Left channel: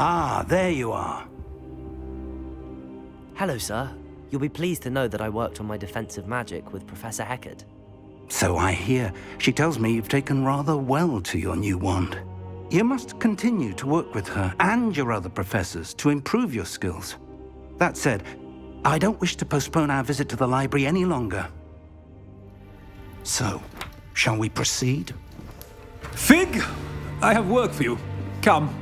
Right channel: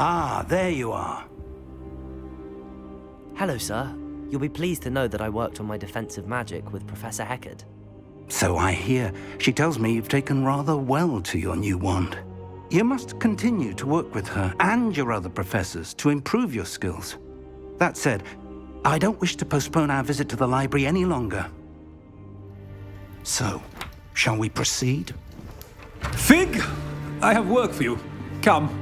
Ah, there you are. Hello, sir. You'll be pleased to know that I worked on my defensive magic with Professor Heckard. So I hear. She tells me you've taken rather well to your new wand. You must continue to work with her and your other professors to improve your skills. That said, I don't wish to postpone our visit to the library any longer. So, shall we proceed? Fig! I have work for you. Come.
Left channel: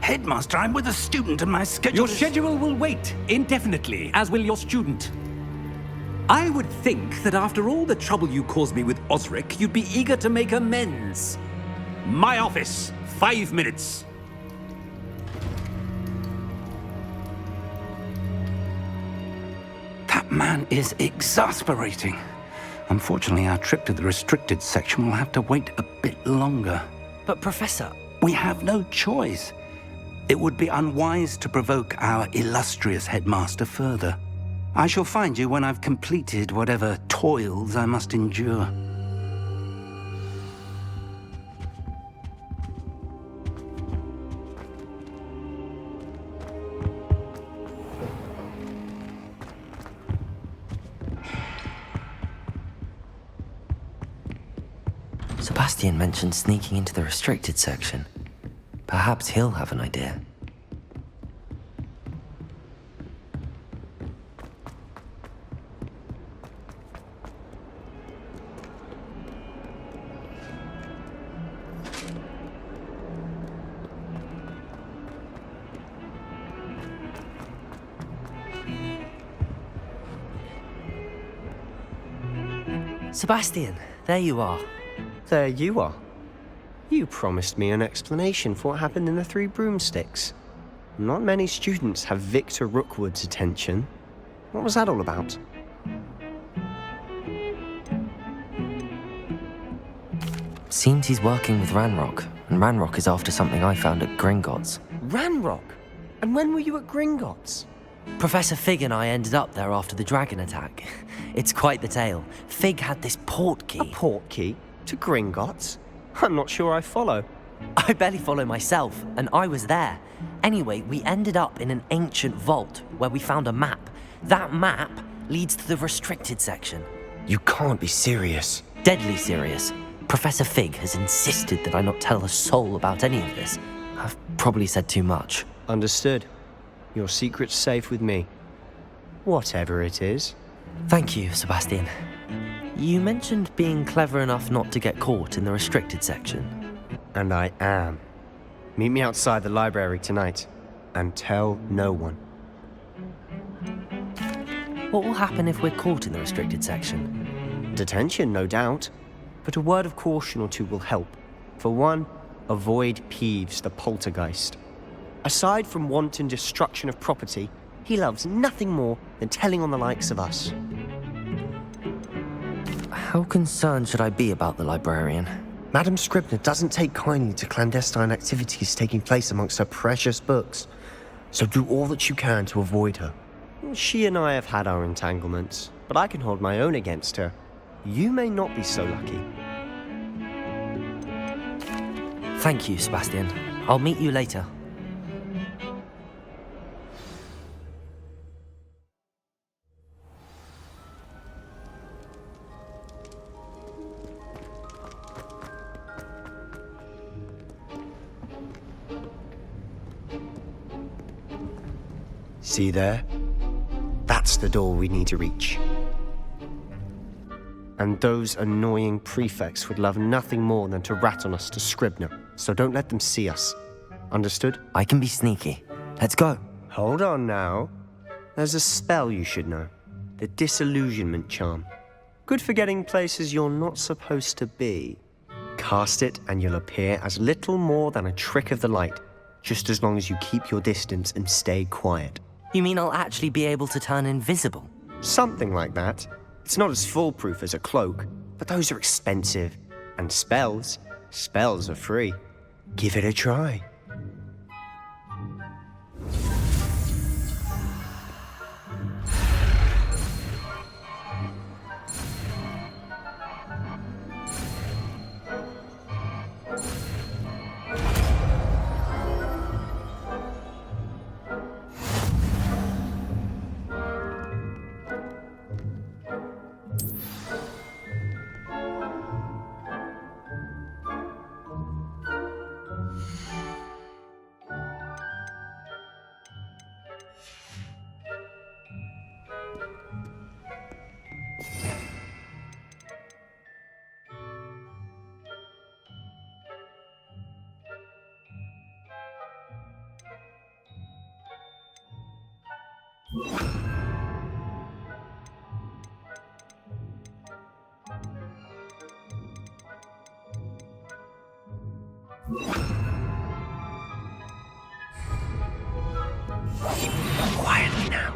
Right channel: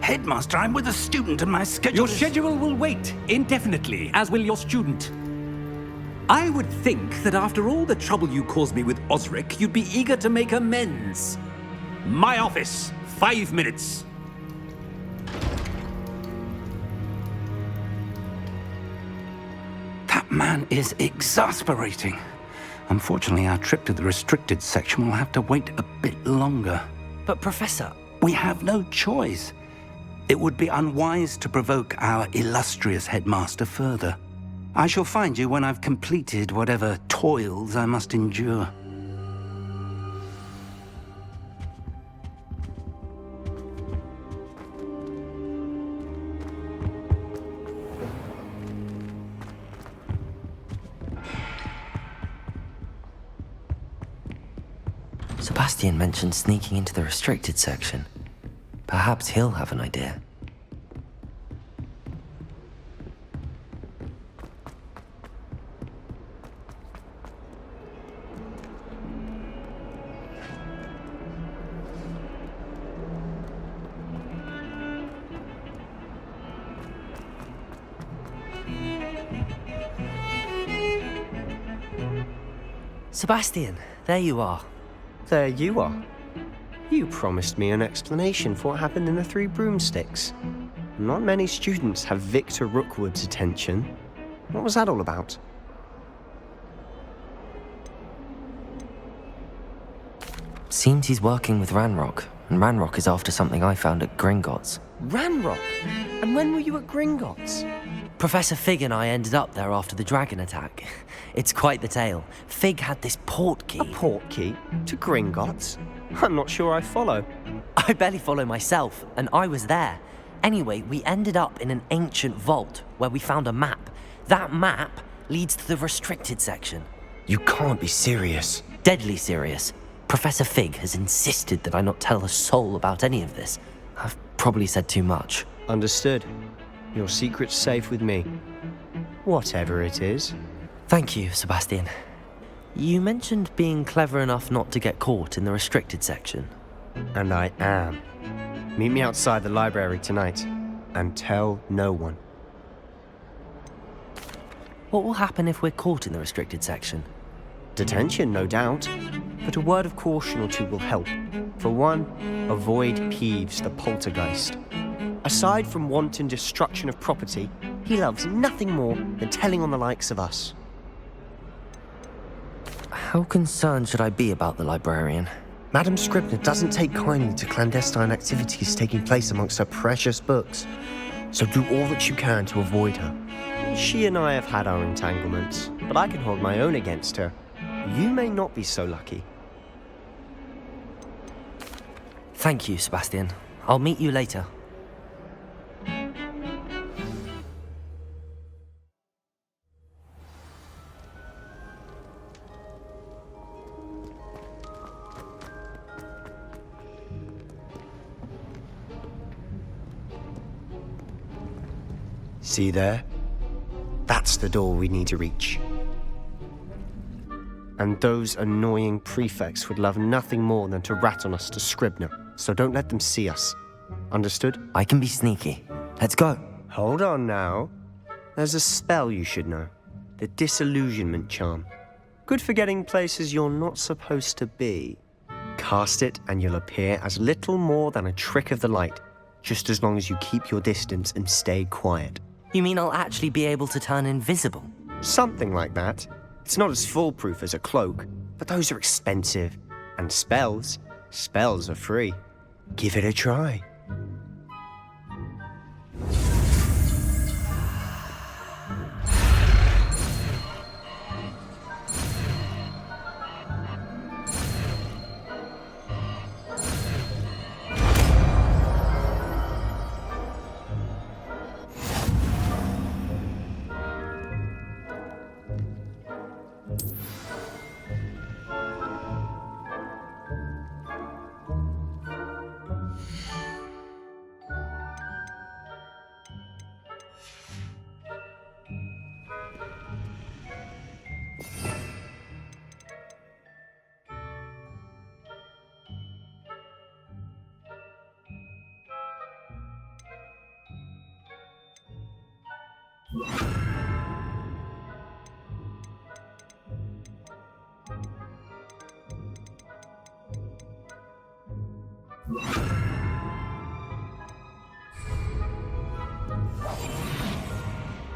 Headmaster, I'm with a student and my schedule Your schedule will wait indefinitely, as will your student. I would think that after all the trouble you caused me with Osric, you'd be eager to make amends. My office, 5 minutes. That man is exasperating. Unfortunately, our trip to the restricted section will have to wait a bit longer. But Professor... We have no choice. It would be unwise to provoke our illustrious headmaster further. I shall find you when I've completed whatever toils I must endure. Sebastian mentioned sneaking into the restricted section. Perhaps he'll have an idea. Sebastian, there you are. There you are. You promised me an explanation for what happened in the Three Broomsticks. Not many students have Victor Rookwood's attention. What was that all about? Seems he's working with Ranrock, and Ranrock is after something I found at Gringotts. Ranrock? And when were you at Gringotts? Professor Fig and I ended up there after the dragon attack. It's quite the tale. Fig had this port key. A port key? To Gringotts? I'm not sure I follow. I barely follow myself, and I was there. Anyway, we ended up in an ancient vault where we found a map. That map leads to the restricted section. You can't be serious. Deadly serious. Professor Fig has insisted that I not tell a soul about any of this. I've probably said too much. Understood. Your secret's safe with me. Whatever it is. Thank you, Sebastian. You mentioned being clever enough not to get caught in the restricted section. And I am. Meet me outside the library tonight, and tell no one. What will happen if we're caught in the restricted section? Detention, no doubt. But a word of caution or two will help. For one, avoid Peeves the poltergeist. Aside from wanton destruction of property, he loves nothing more than telling on the likes of us. How concerned should I be about the librarian? Madam Scribner doesn't take kindly to clandestine activities taking place amongst her precious books, so do all that you can to avoid her. She and I have had our entanglements, but I can hold my own against her. You may not be so lucky. Thank you, Sebastian. I'll meet you later. See there? That's the door we need to reach. And those annoying prefects would love nothing more than to rat on us to Scribner, so don't let them see us. Understood? I can be sneaky. Let's go. Hold on now. There's a spell you should know. The Disillusionment Charm. Good for getting places you're not supposed to be. Cast it and you'll appear as little more than a trick of the light, just as long as you keep your distance and stay quiet. You mean I'll actually be able to turn invisible? Something like that. It's not as foolproof as a cloak, but those are expensive. And spells are free. Give it a try. Quietly now.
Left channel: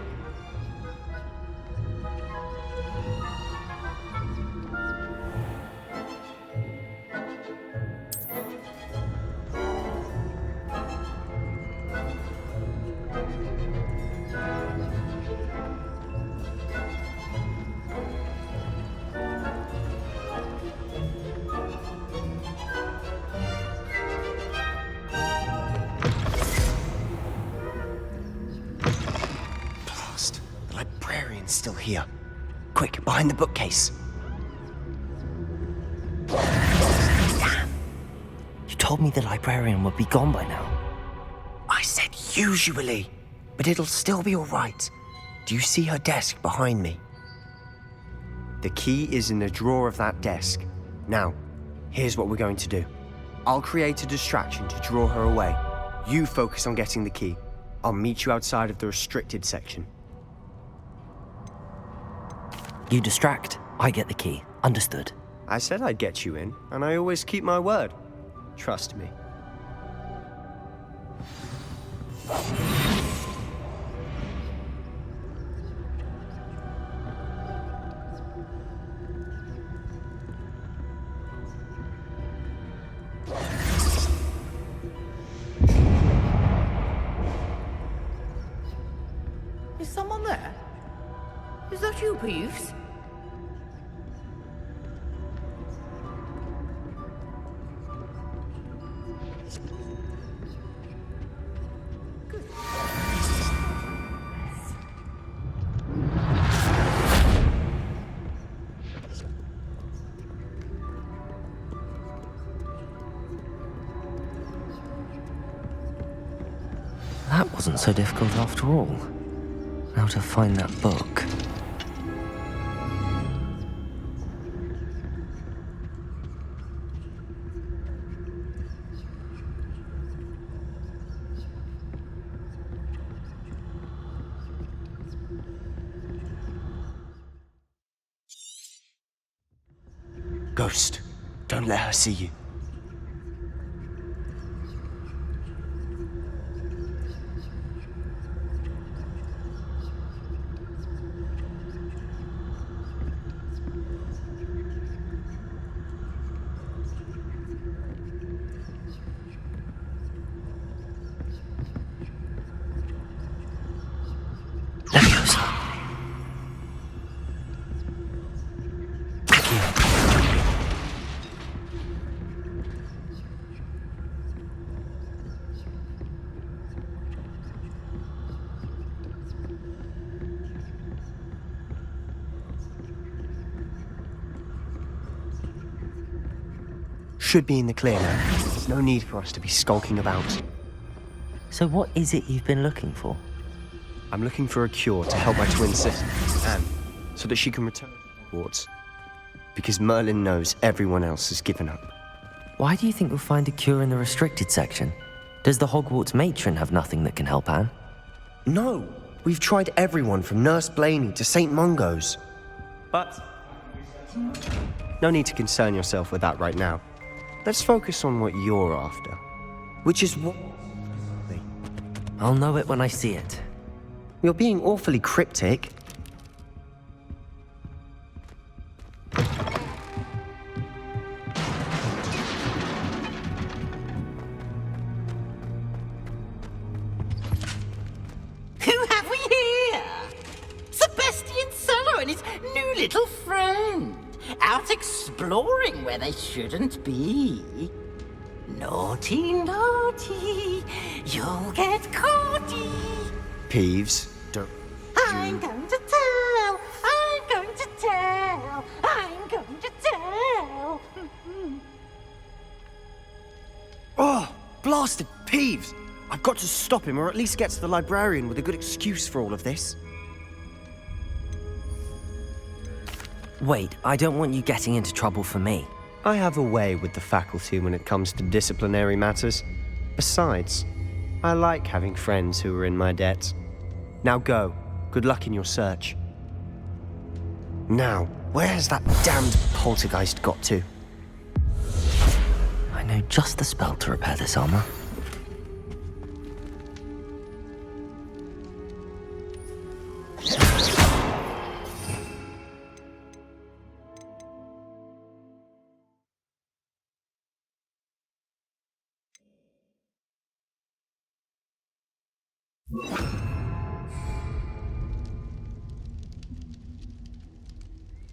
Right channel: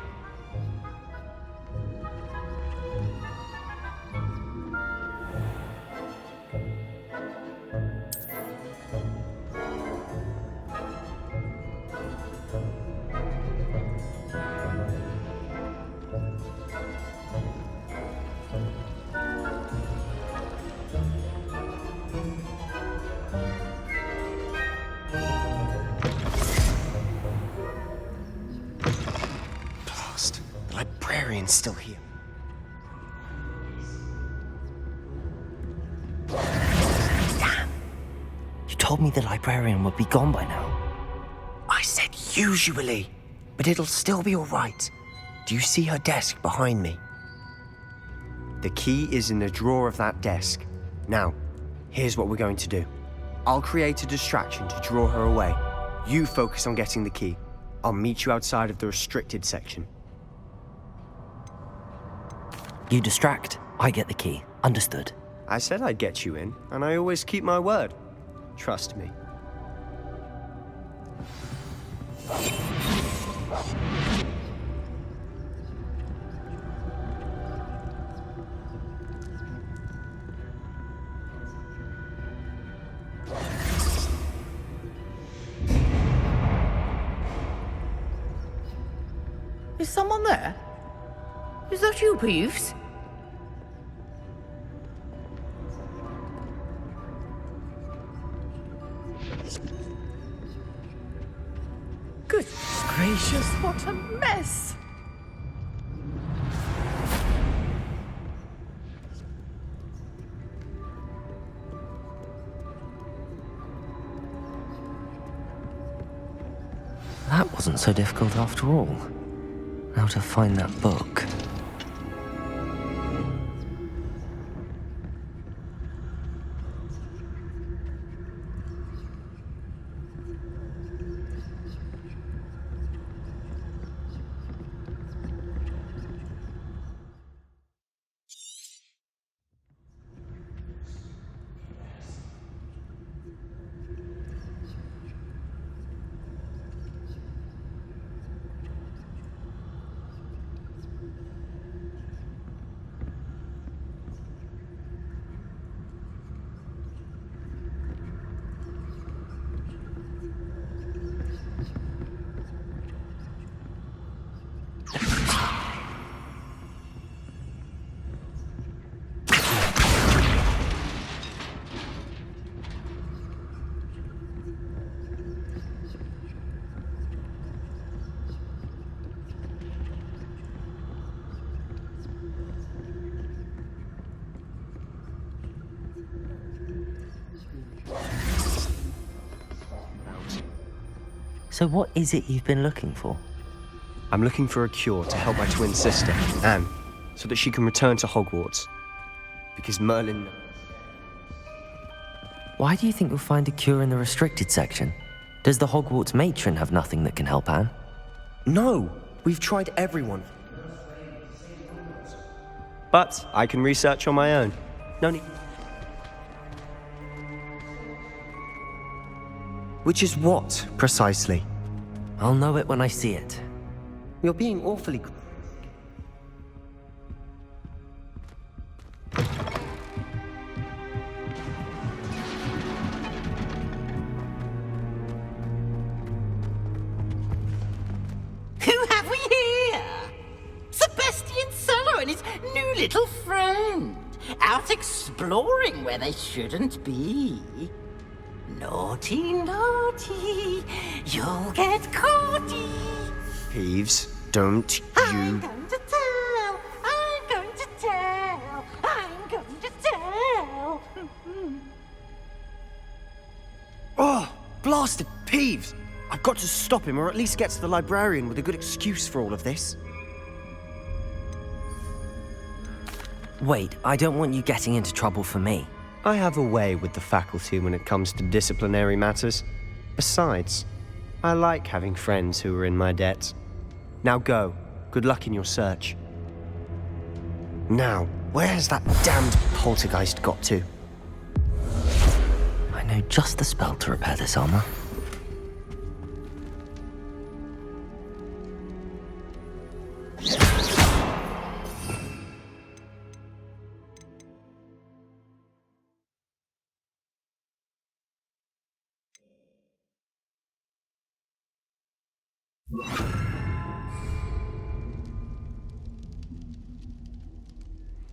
Blast. The librarian's still here. Quick, behind the bookcase. You told me the librarian would be gone by now. I said usually, but it'll still be all right. Do you see her desk behind me? The key is in the drawer of that desk. Now, here's what we're going to do. I'll create a distraction to draw her away. You focus on getting the key. I'll meet you outside of the restricted section. You distract, I get the key. Understood. I said I'd get you in, and I always keep my word. Trust me. Is someone there? Is that you, Peeves? Good gracious, what a mess! That wasn't so difficult after all. Now to find that book. Ghost, don't let her see you. Should be in the clear now. There's no need for us to be skulking about. So what is it you've been looking for? I'm looking for a cure to help my twin sister, Anne, so that she can return to Hogwarts. Because Merlin knows everyone else has given up. Why do you think you'll find a cure in the restricted section? Does the Hogwarts matron have nothing that can help Anne? No! We've tried everyone from Nurse Blaney to St. Mungo's. But I can research on my own. No need to concern yourself with that right now. Let's focus on what you're after. Which is what, precisely? I'll know it when I see it. You're being awfully cryptic. Who have we here? Sebastian Sallow and his new little friend. Out exploring where they shouldn't be. Naughty, naughty, you'll get caughty. Peeves, don't I'm you... going to tell, I'm going to tell, I'm going to tell. Oh, blasted Peeves! I've got to stop him, or at least get to the librarian with a good excuse for all of this. Wait, I don't want you getting into trouble for me. I have a way with the faculty when it comes to disciplinary matters. Besides, I like having friends who are in my debt. Now go. Good luck in your search. Now, where has that damned poltergeist got to? I know just the spell to repair this armor.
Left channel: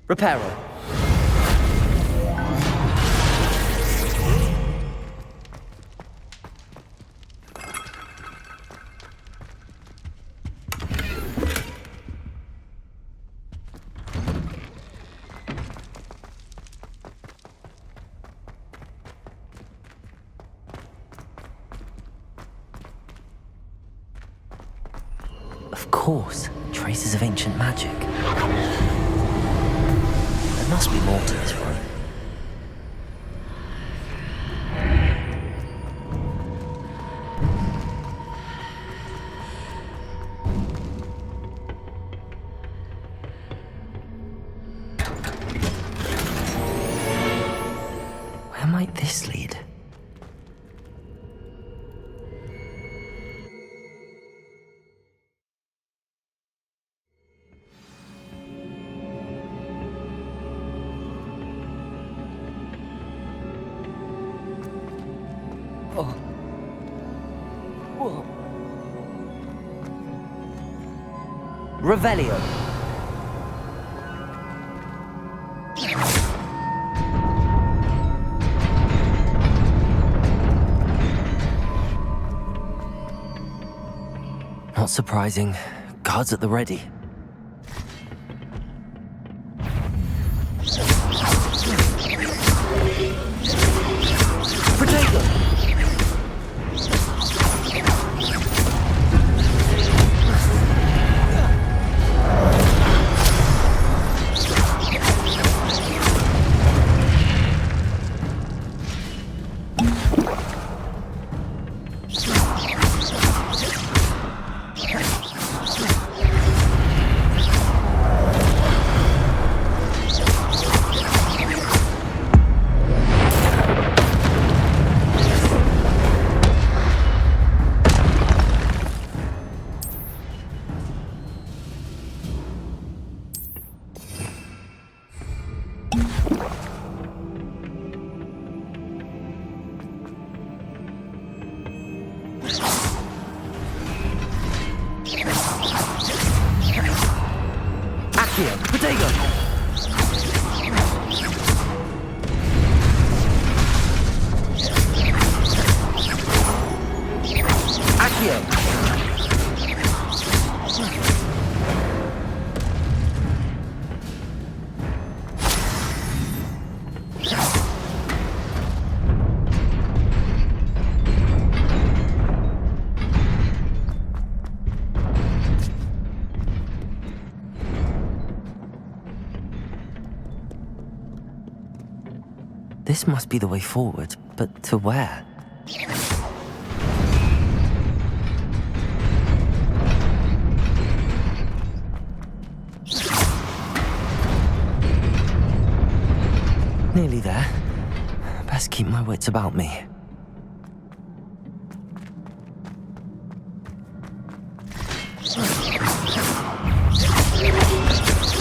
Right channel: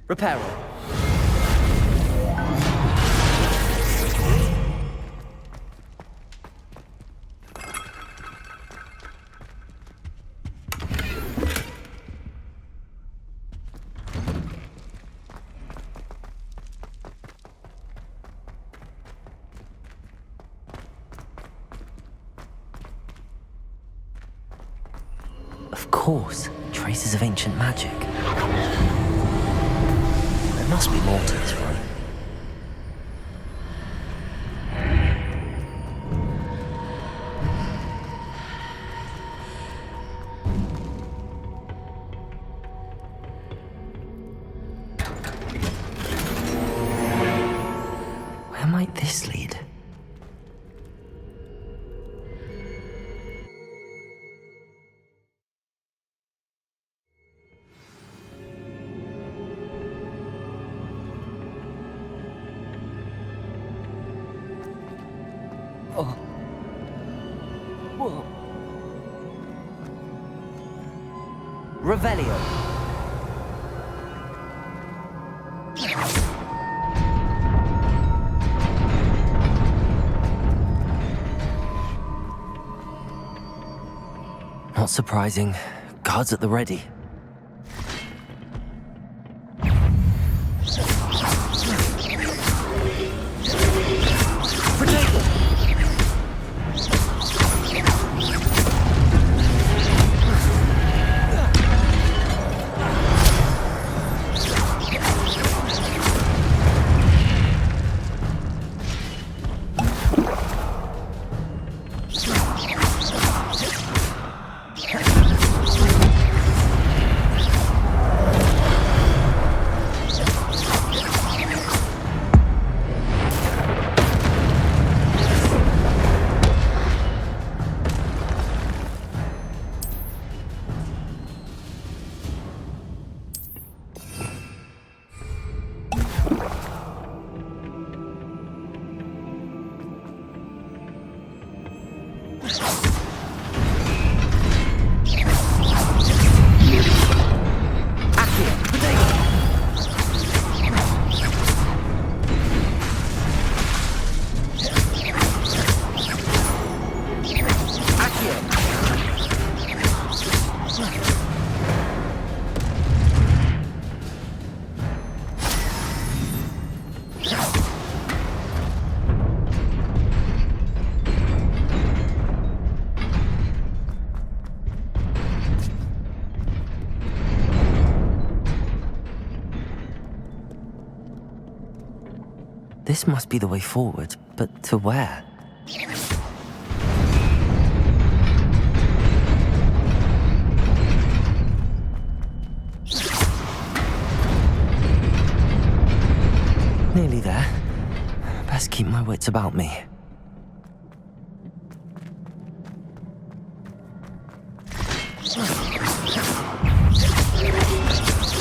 Reparo. Of course, traces of ancient magic. There must be more to this room. Where might this lead? Oh. Whoa. Revelio. Not surprising. Guards at the ready. Protect them! This must be the way forward, but to where? Nearly there. Best keep my wits about me.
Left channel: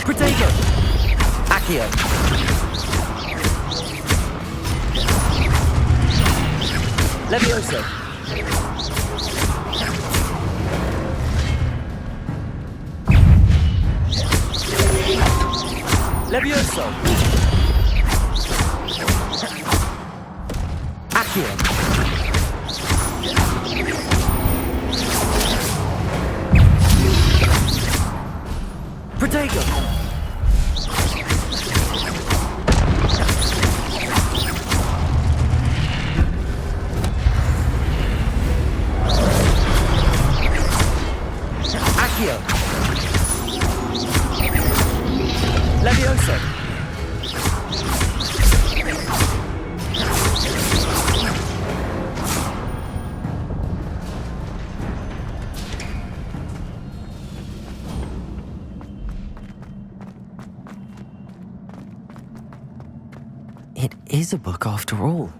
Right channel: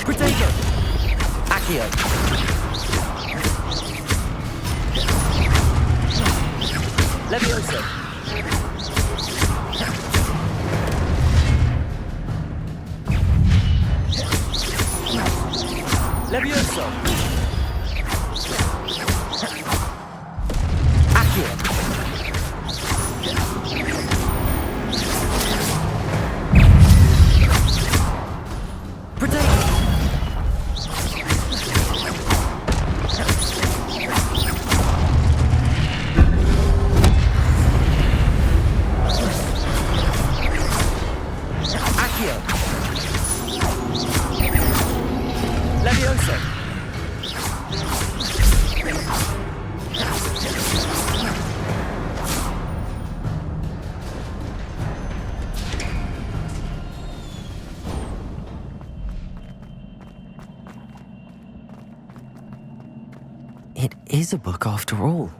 Protego! Accio! Levioso! Levioso! Accio! Protego! Accio! Levioso! It is a book after all.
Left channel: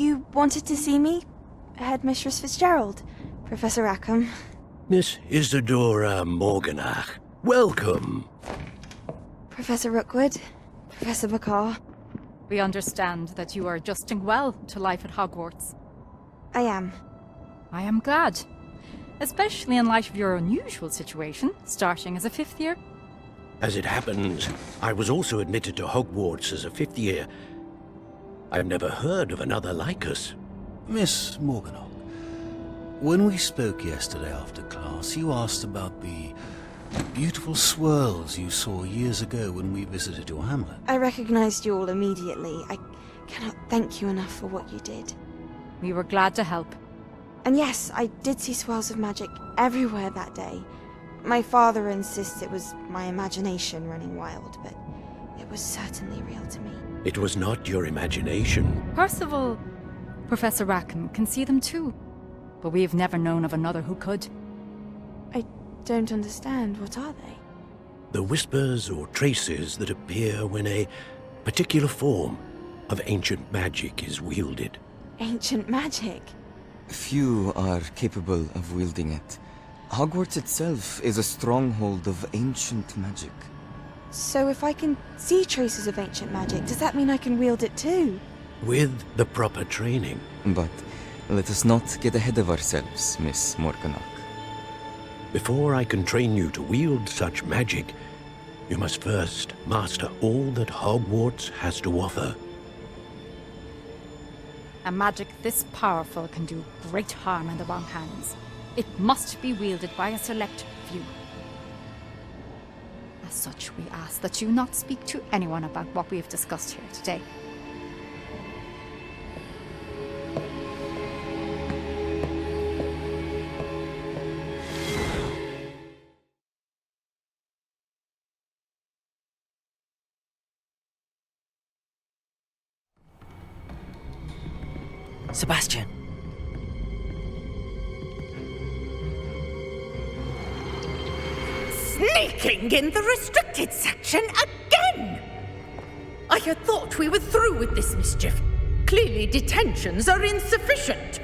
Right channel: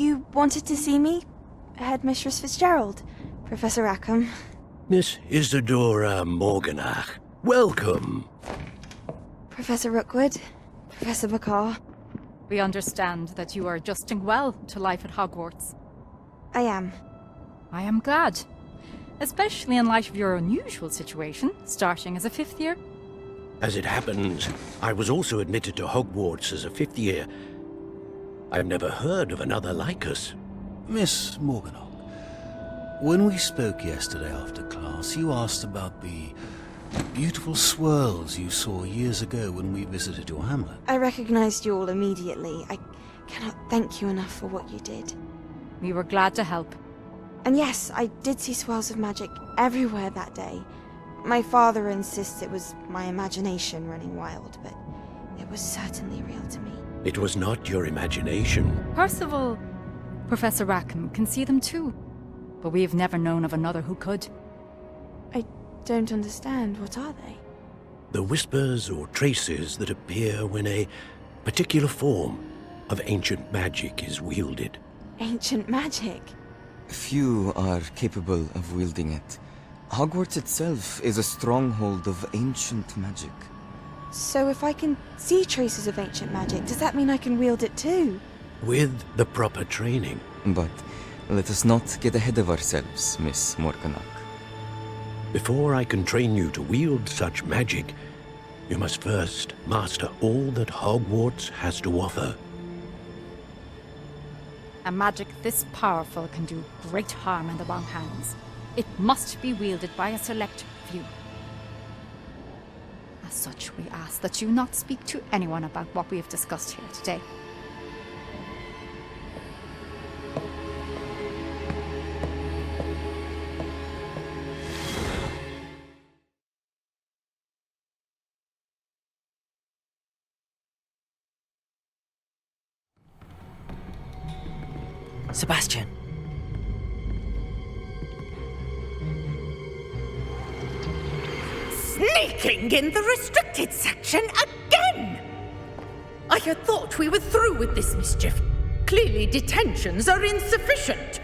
You wanted to see me? Headmistress Fitzgerald, Professor Rackham. Miss Isadora Morganach, welcome. Professor Rookwood, Professor Bakar. We understand that you are adjusting well to life at Hogwarts. I am. I am glad. Especially in light of your unusual situation, starting as a 5th year. As it happens, I was also admitted to Hogwarts as a 5th year. I've never heard of another like us. Miss Morganach, when we spoke yesterday after class, you asked about the beautiful swirls you saw years ago when we visited your hamlet. I recognized you all immediately. I cannot thank you enough for what you did. We were glad to help. And yes, I did see swirls of magic everywhere that day. My father insists it was my imagination running wild, but it was certainly real to me. It was not your imagination. Percival, Professor Rackham can see them too. But we have never known of another who could. I don't understand. What are they? The whispers or traces that appear when a particular form of ancient magic is wielded. Ancient magic? Few are capable of wielding it. Hogwarts itself is a stronghold of ancient magic. So if I can see traces of ancient magic, does that mean I can wield it too? With the proper training. But let us not get ahead of ourselves, Miss Morganach. Before I can train you to wield such magic, you must first master all that Hogwarts has to offer. A magic this powerful can do great harm in the wrong hands. It must be wielded by a select few. As such, we ask that you not speak to anyone about what we have discussed here today. Sebastian. Sneaking in the restricted section again! I had thought we were through with this mischief. Clearly detentions are insufficient.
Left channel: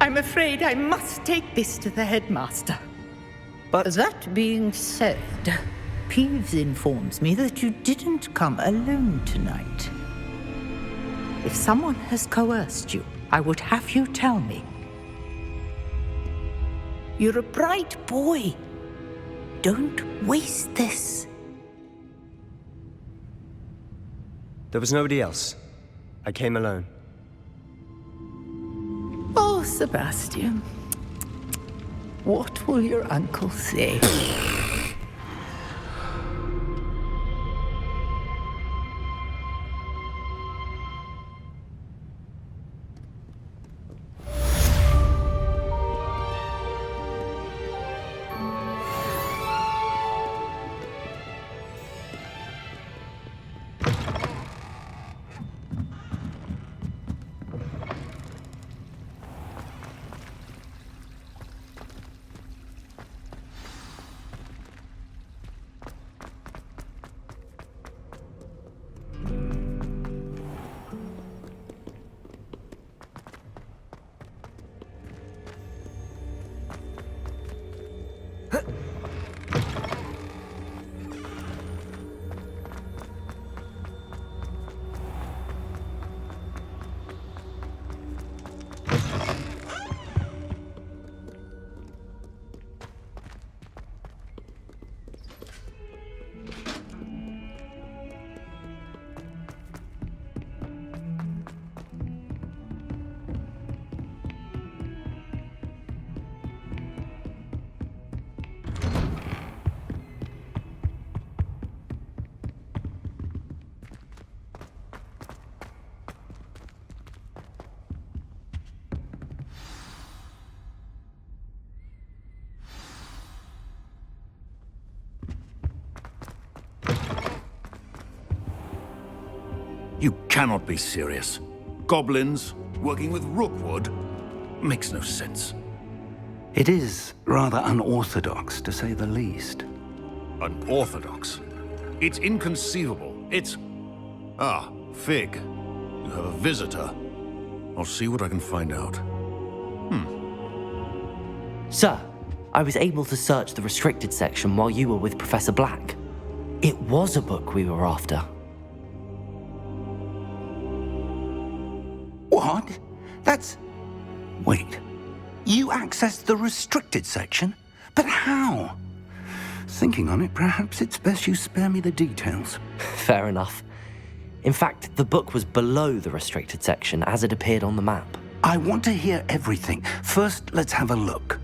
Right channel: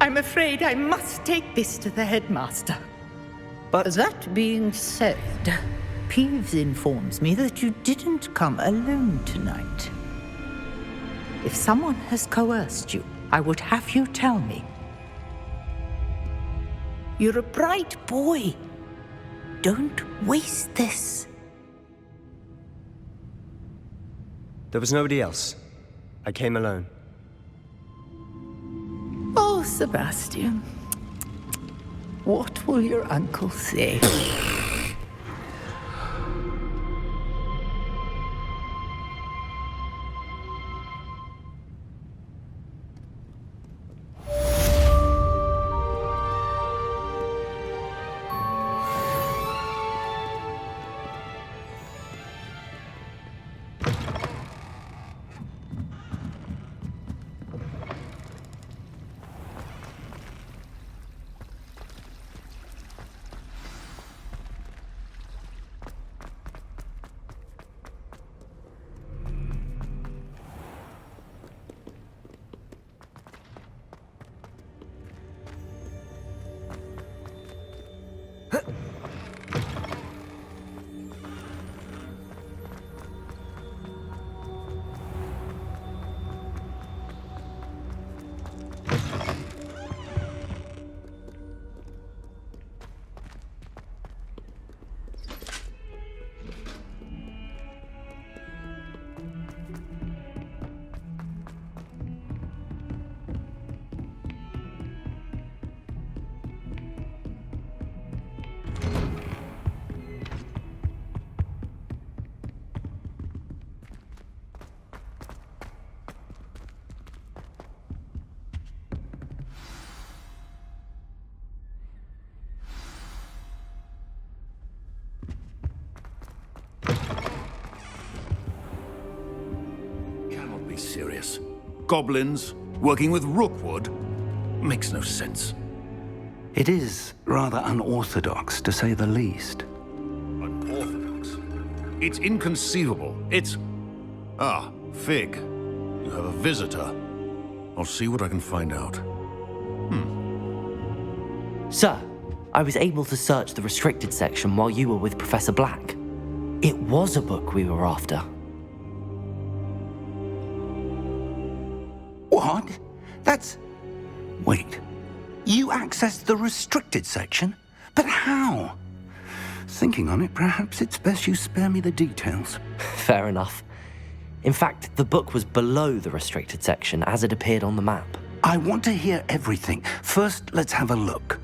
I'm afraid I must take this to the headmaster. But that being said, Peeves informs me that you didn't come alone tonight. If someone has coerced you, I would have you tell me. You're a bright boy. Don't waste this. There was nobody else. I came alone. Oh, Sebastian. What will your uncle say? You cannot be serious. Goblins working with Rookwood makes no sense. It is rather unorthodox, to say the least. Unorthodox? It's inconceivable. It's... Ah, Fig. You have a visitor. I'll see what I can find out. Sir, I was able to search the restricted section while you were with Professor Black. It was a book we were after. What? That's... Wait. You accessed the restricted section? But how? Thinking on it, perhaps it's best you spare me the details. Fair enough. In fact, the book was below the restricted section as it appeared on the map. I want to hear everything. First, let's have a look.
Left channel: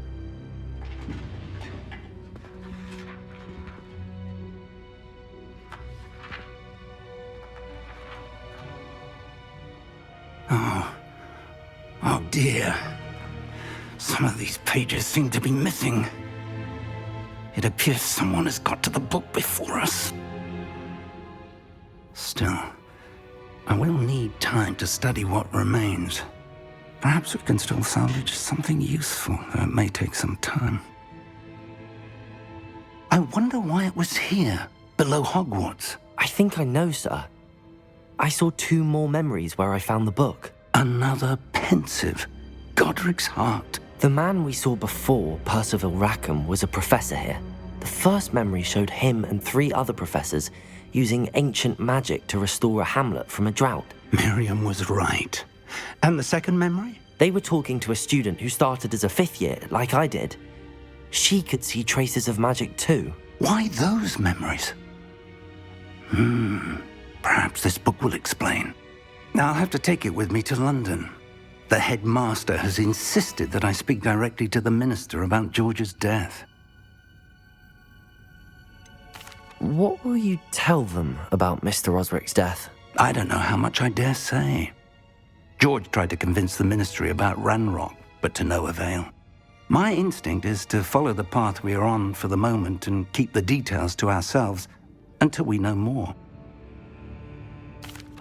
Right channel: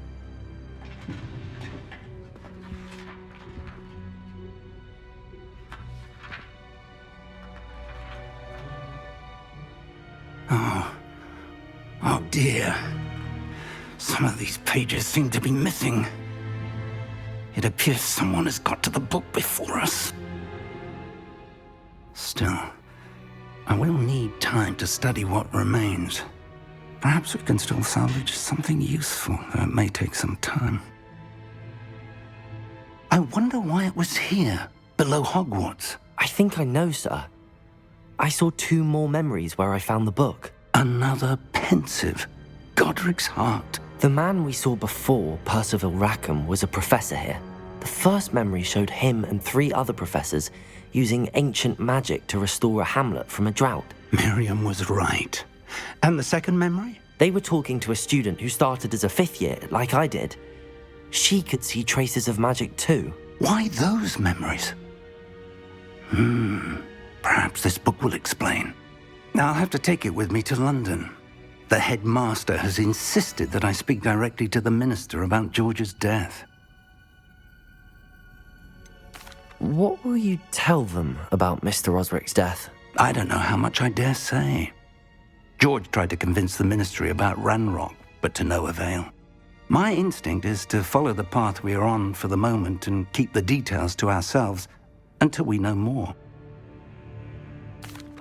Oh dear. Some of these pages seem to be missing. It appears someone has got to the book before us. Still, I will need time to study what remains. Perhaps we can still salvage something useful, though it may take some time. I wonder why it was here, below Hogwarts. I think I know, sir. I saw 2 more memories where I found the book. Another pensive. Godric's heart. The man we saw before, Percival Rackham, was a professor here. The first memory showed him and 3 other professors using ancient magic to restore a hamlet from a drought. Miriam was right. And the second memory? They were talking to a student who started as a 5th year, like I did. She could see traces of magic too. Why those memories? Perhaps this book will explain. I'll have to take it with me to London. The headmaster has insisted that I speak directly to the minister about George's death. What will you tell them about Mr. Osric's death? I don't know how much I dare say. George tried to convince the ministry about Ranrock, but to no avail. My instinct is to follow the path we are on for the moment and keep the details to ourselves until we know more.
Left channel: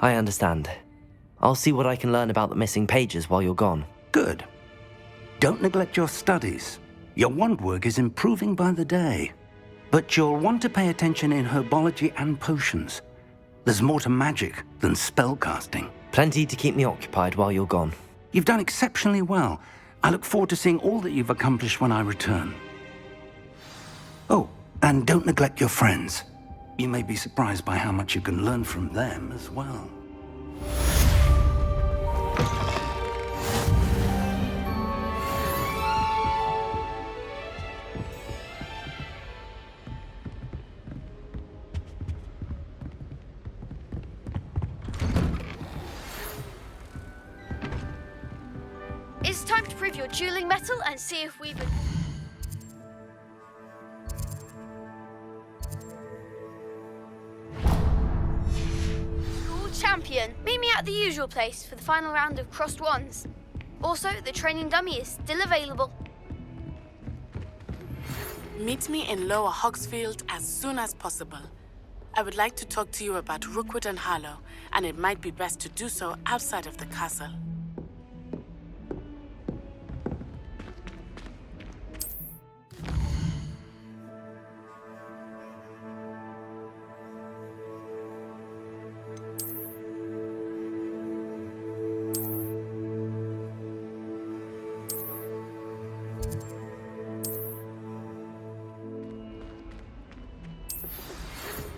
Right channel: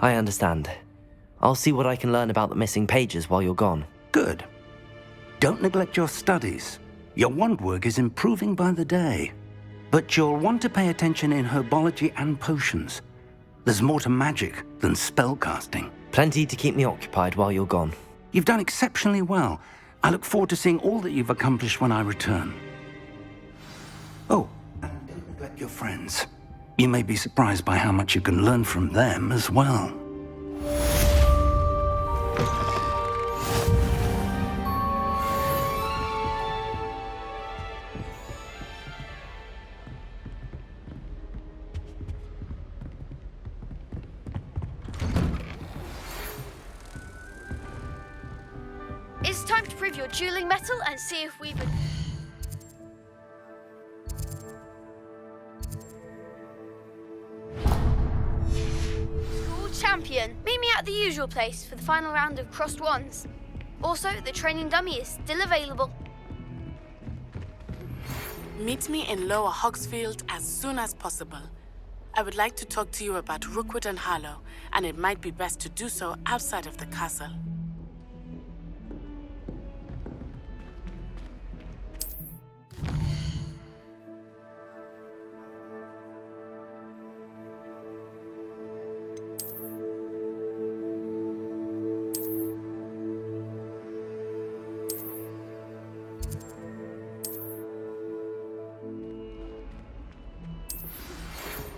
I understand. I'll see what I can learn about the missing pages while you're gone. Good. Don't neglect your studies. Your wand work is improving by the day. But you'll want to pay attention in herbology and potions. There's more to magic than spellcasting. Plenty to keep me occupied while you're gone. You've done exceptionally well. I look forward to seeing all that you've accomplished when I return. Oh, and don't neglect your friends. You may be surprised by how much you can learn from them as well. It's time to prove your dueling mettle and see if we've... School champion. Meet me at the usual place for the final round of crossed wands. Also, the training dummy is still available. Meet me in Lower Hogsfield as soon as possible. I would like to talk to you about Rookwood and Harlow, and it might be best to do so outside of the castle.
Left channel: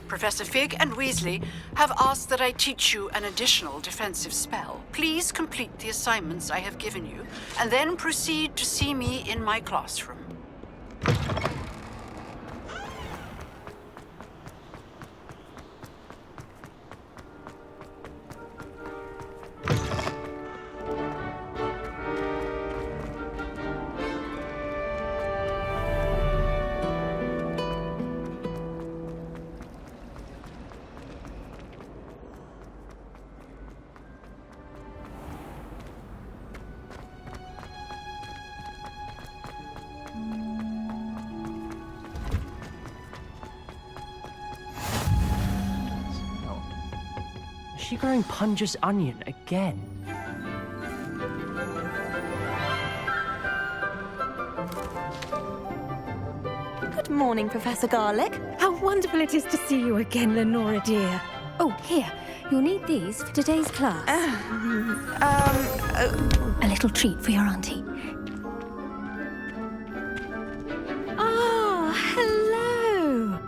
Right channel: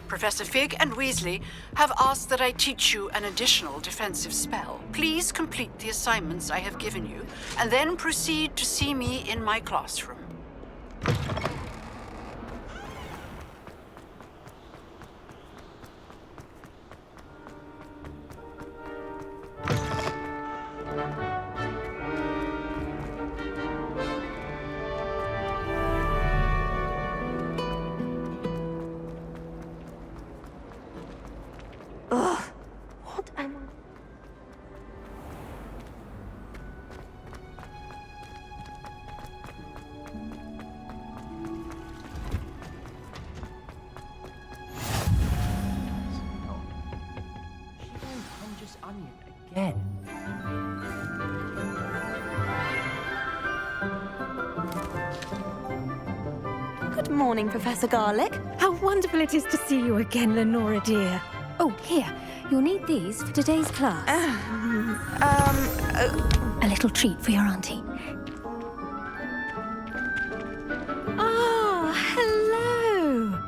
Professor Fig and Weasley have asked that I teach you an additional defensive spell. Please complete the assignments I have given you, and then proceed to see me in my classroom. Is she growing Punja's onion again? Good morning, Professor Garlick. How wonderful it is to see you again, Lenora dear. Oh, here. You'll need these for today's class. A little treat for your auntie. Ah, hello!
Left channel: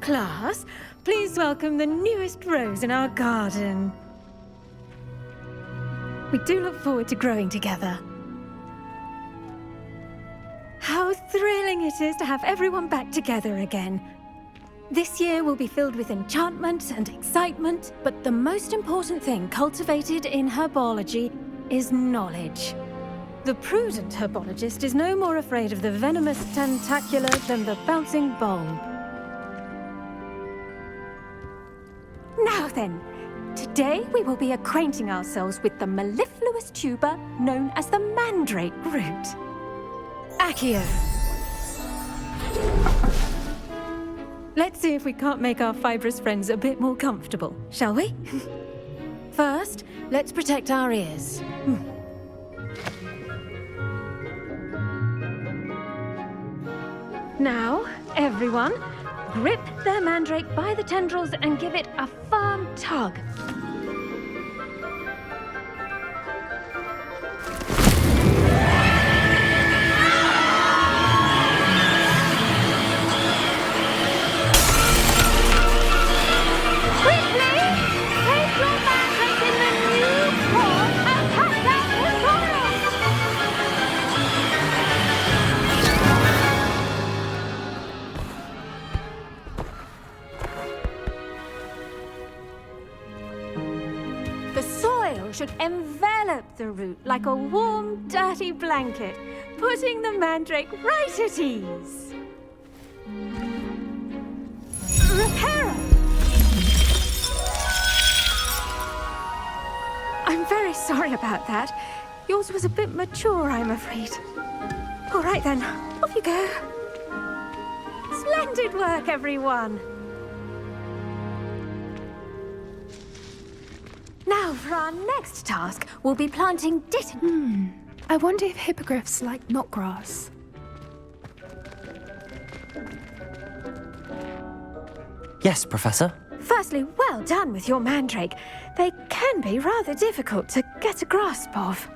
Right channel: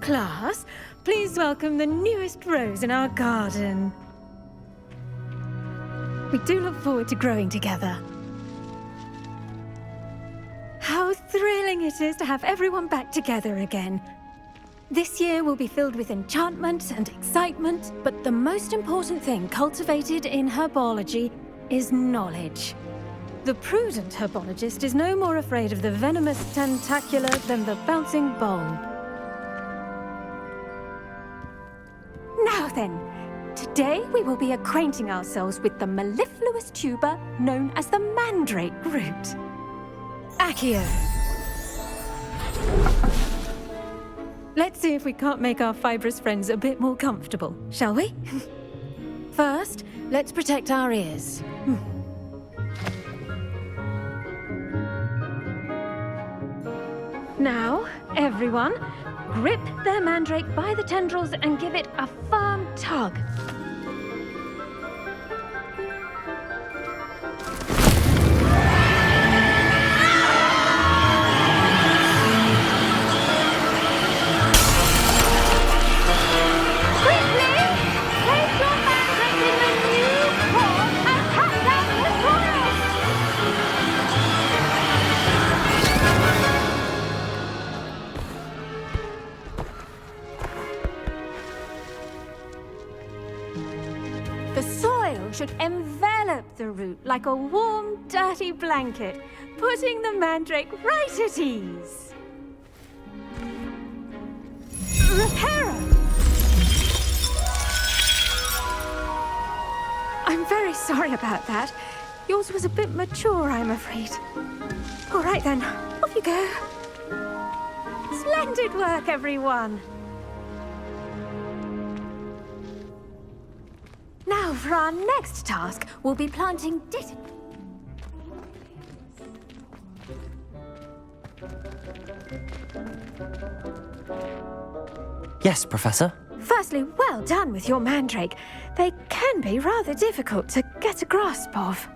Class, please welcome the newest rose in our garden. We do look forward to growing together. How thrilling it is to have everyone back together again. This year will be filled with enchantment and excitement, but the most important thing cultivated in herbology is knowledge. The prudent herbologist is no more afraid of the venomous tentacula than the bouncing bulb. Now then, today we will be acquainting ourselves with the mellifluous tuber known as the mandrake root. Accio. Let's see if we can't make our fibrous friends a bit more comfortable, shall we? First, let's protect our ears. Now, everyone, grip their mandrake by the tendrils and give it a firm tug. The soil should envelop the root like a warm, dirty blanket, putting the mandrake right at ease. Reparo! I'm very sorry about that. Yours was a bit mature, I'm afraid. All right then, off you go. Splendid work, everyone. Now, for our next task, we'll be planting I wonder if hippogriffs like knotgrass. Yes, Professor? Firstly, well done with your mandrake. They can be rather difficult to get a grasp of.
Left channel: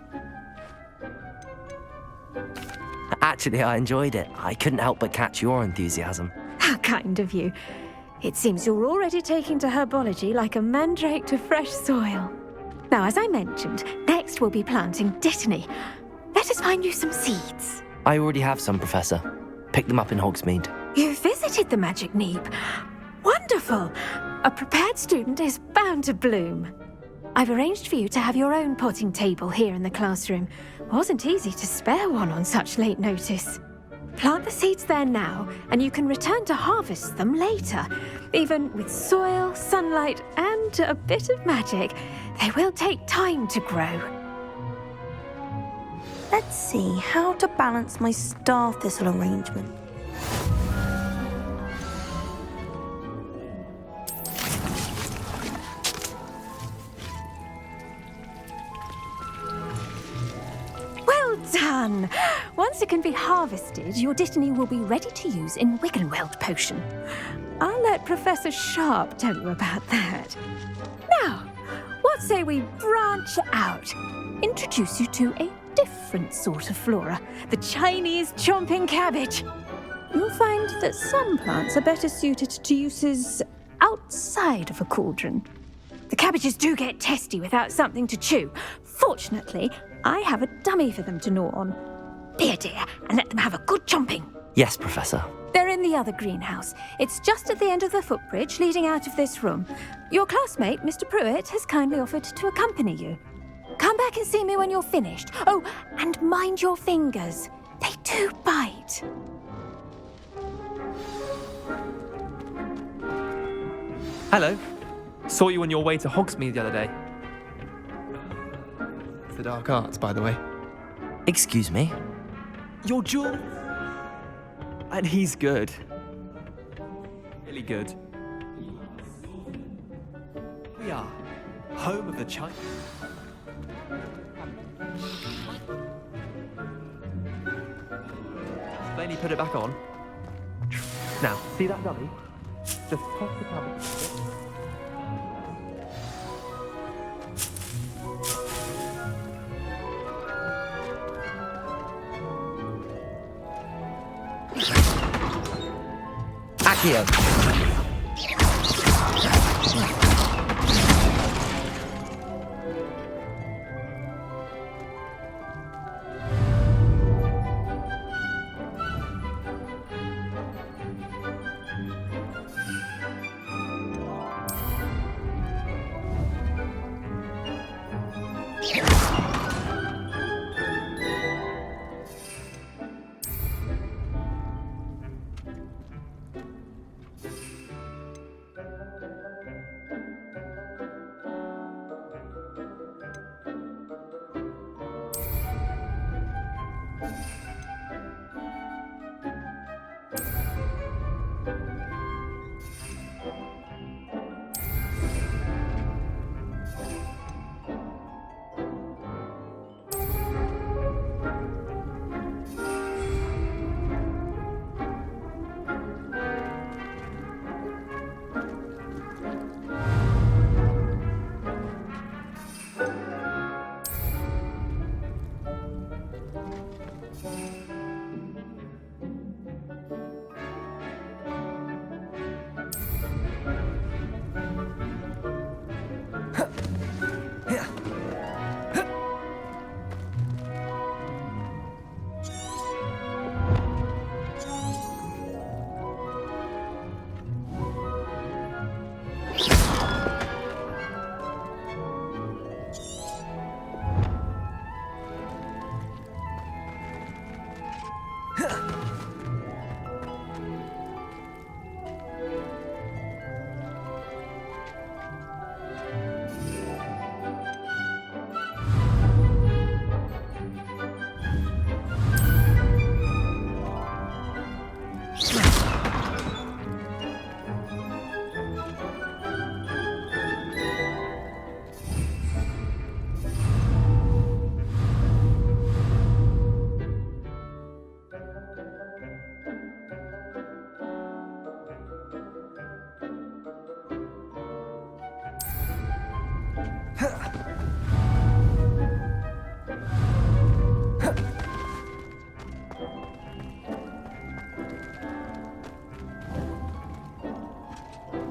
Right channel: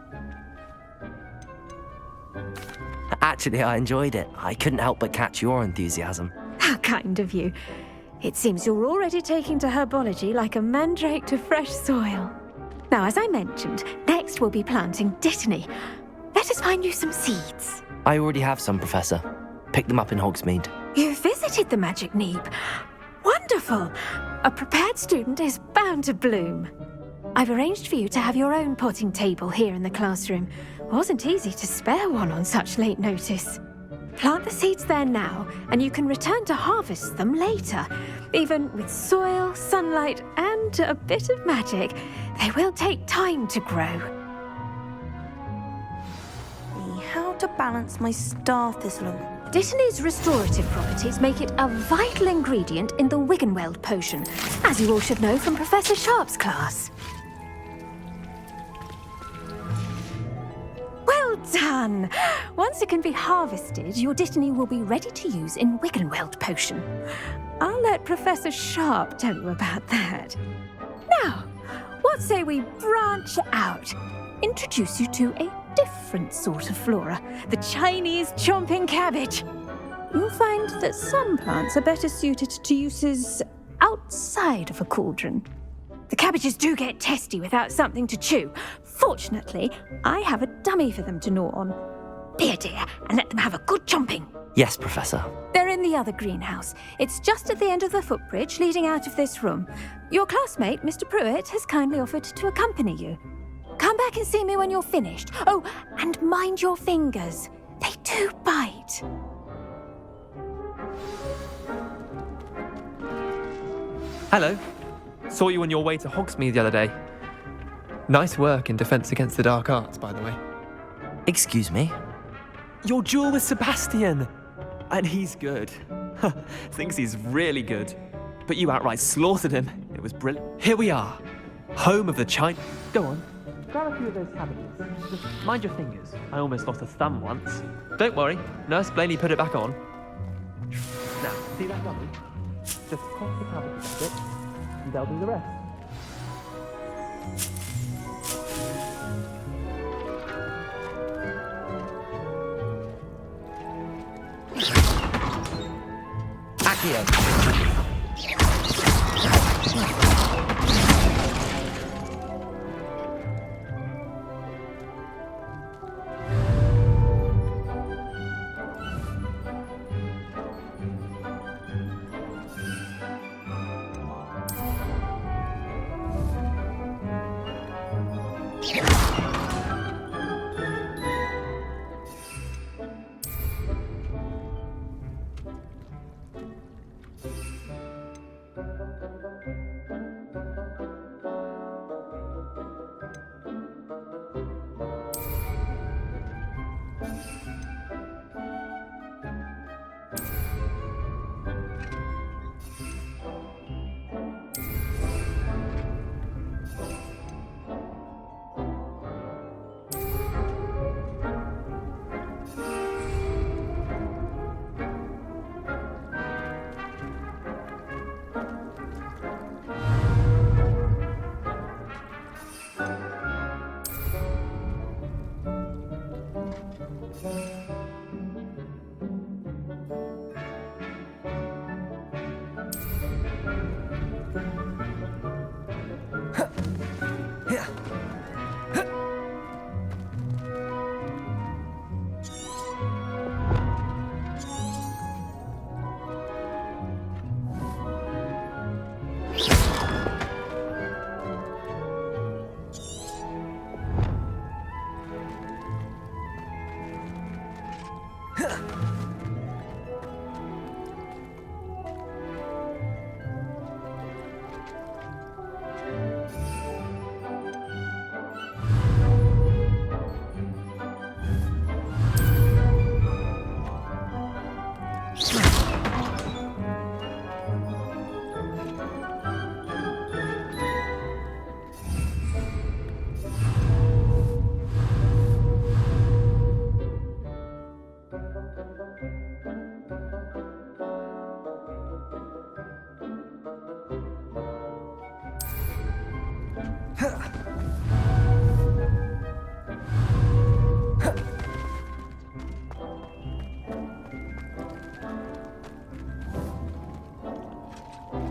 Actually, I enjoyed it. I couldn't help but catch your enthusiasm. How kind of you. It seems you're already taking to herbology like a mandrake to fresh soil. Now, as I mentioned, next we'll be planting dittany. Let us find you some seeds. I already have some, Professor. Picked them up in Hogsmeade. You visited the Magic Neep. Wonderful! A prepared student is bound to bloom. I've arranged for you to have your own potting table here in the classroom. Wasn't easy to spare one on such late notice. Plant the seeds there now, and you can return to harvest them later. Even with soil, sunlight, and a bit of magic, they will take time to grow. Let's see how to balance my star thistle arrangement. Dittany's restorative properties make it a vital ingredient in the Wiggenweld potion, as you all should know from Professor Sharp's class. Well done! Once it can be harvested, your dittany will be ready to use in Wiggenweld potion. I'll let Professor Sharp tell you about that. Now, what say we branch out? Introduce you to a different sort of flora, the Chinese chomping cabbage. You'll find that some plants are better suited to uses outside of a cauldron. The cabbages do get testy without something to chew. Fortunately, I have a dummy for them to gnaw on. Be a dear and let them have a good chomping. Yes, Professor. They're in the other greenhouse. It's just at the end of the footbridge leading out of this room. Your classmate, Mr. Pruitt, has kindly offered to accompany you. Come back and see me when you're finished. Oh, and mind your fingers. They do bite. Hello. Saw you on your way to Hogsmeade the other day. Nice work in Defense Against the Dark Arts, by the way. Excuse me? Your duel with Sebastian! And he's good. Thinks he's really good. But you outright slaughtered him. It was brilliant. Here we are. Home of the China... Go on. Grab a few of those cabbages. Just mind your fingers. I almost lost a thumb once. Don't worry. Nurse Blaney put it back on. Now, see that dummy? Just toss the cabbages at it. and they'll do the rest. Accio.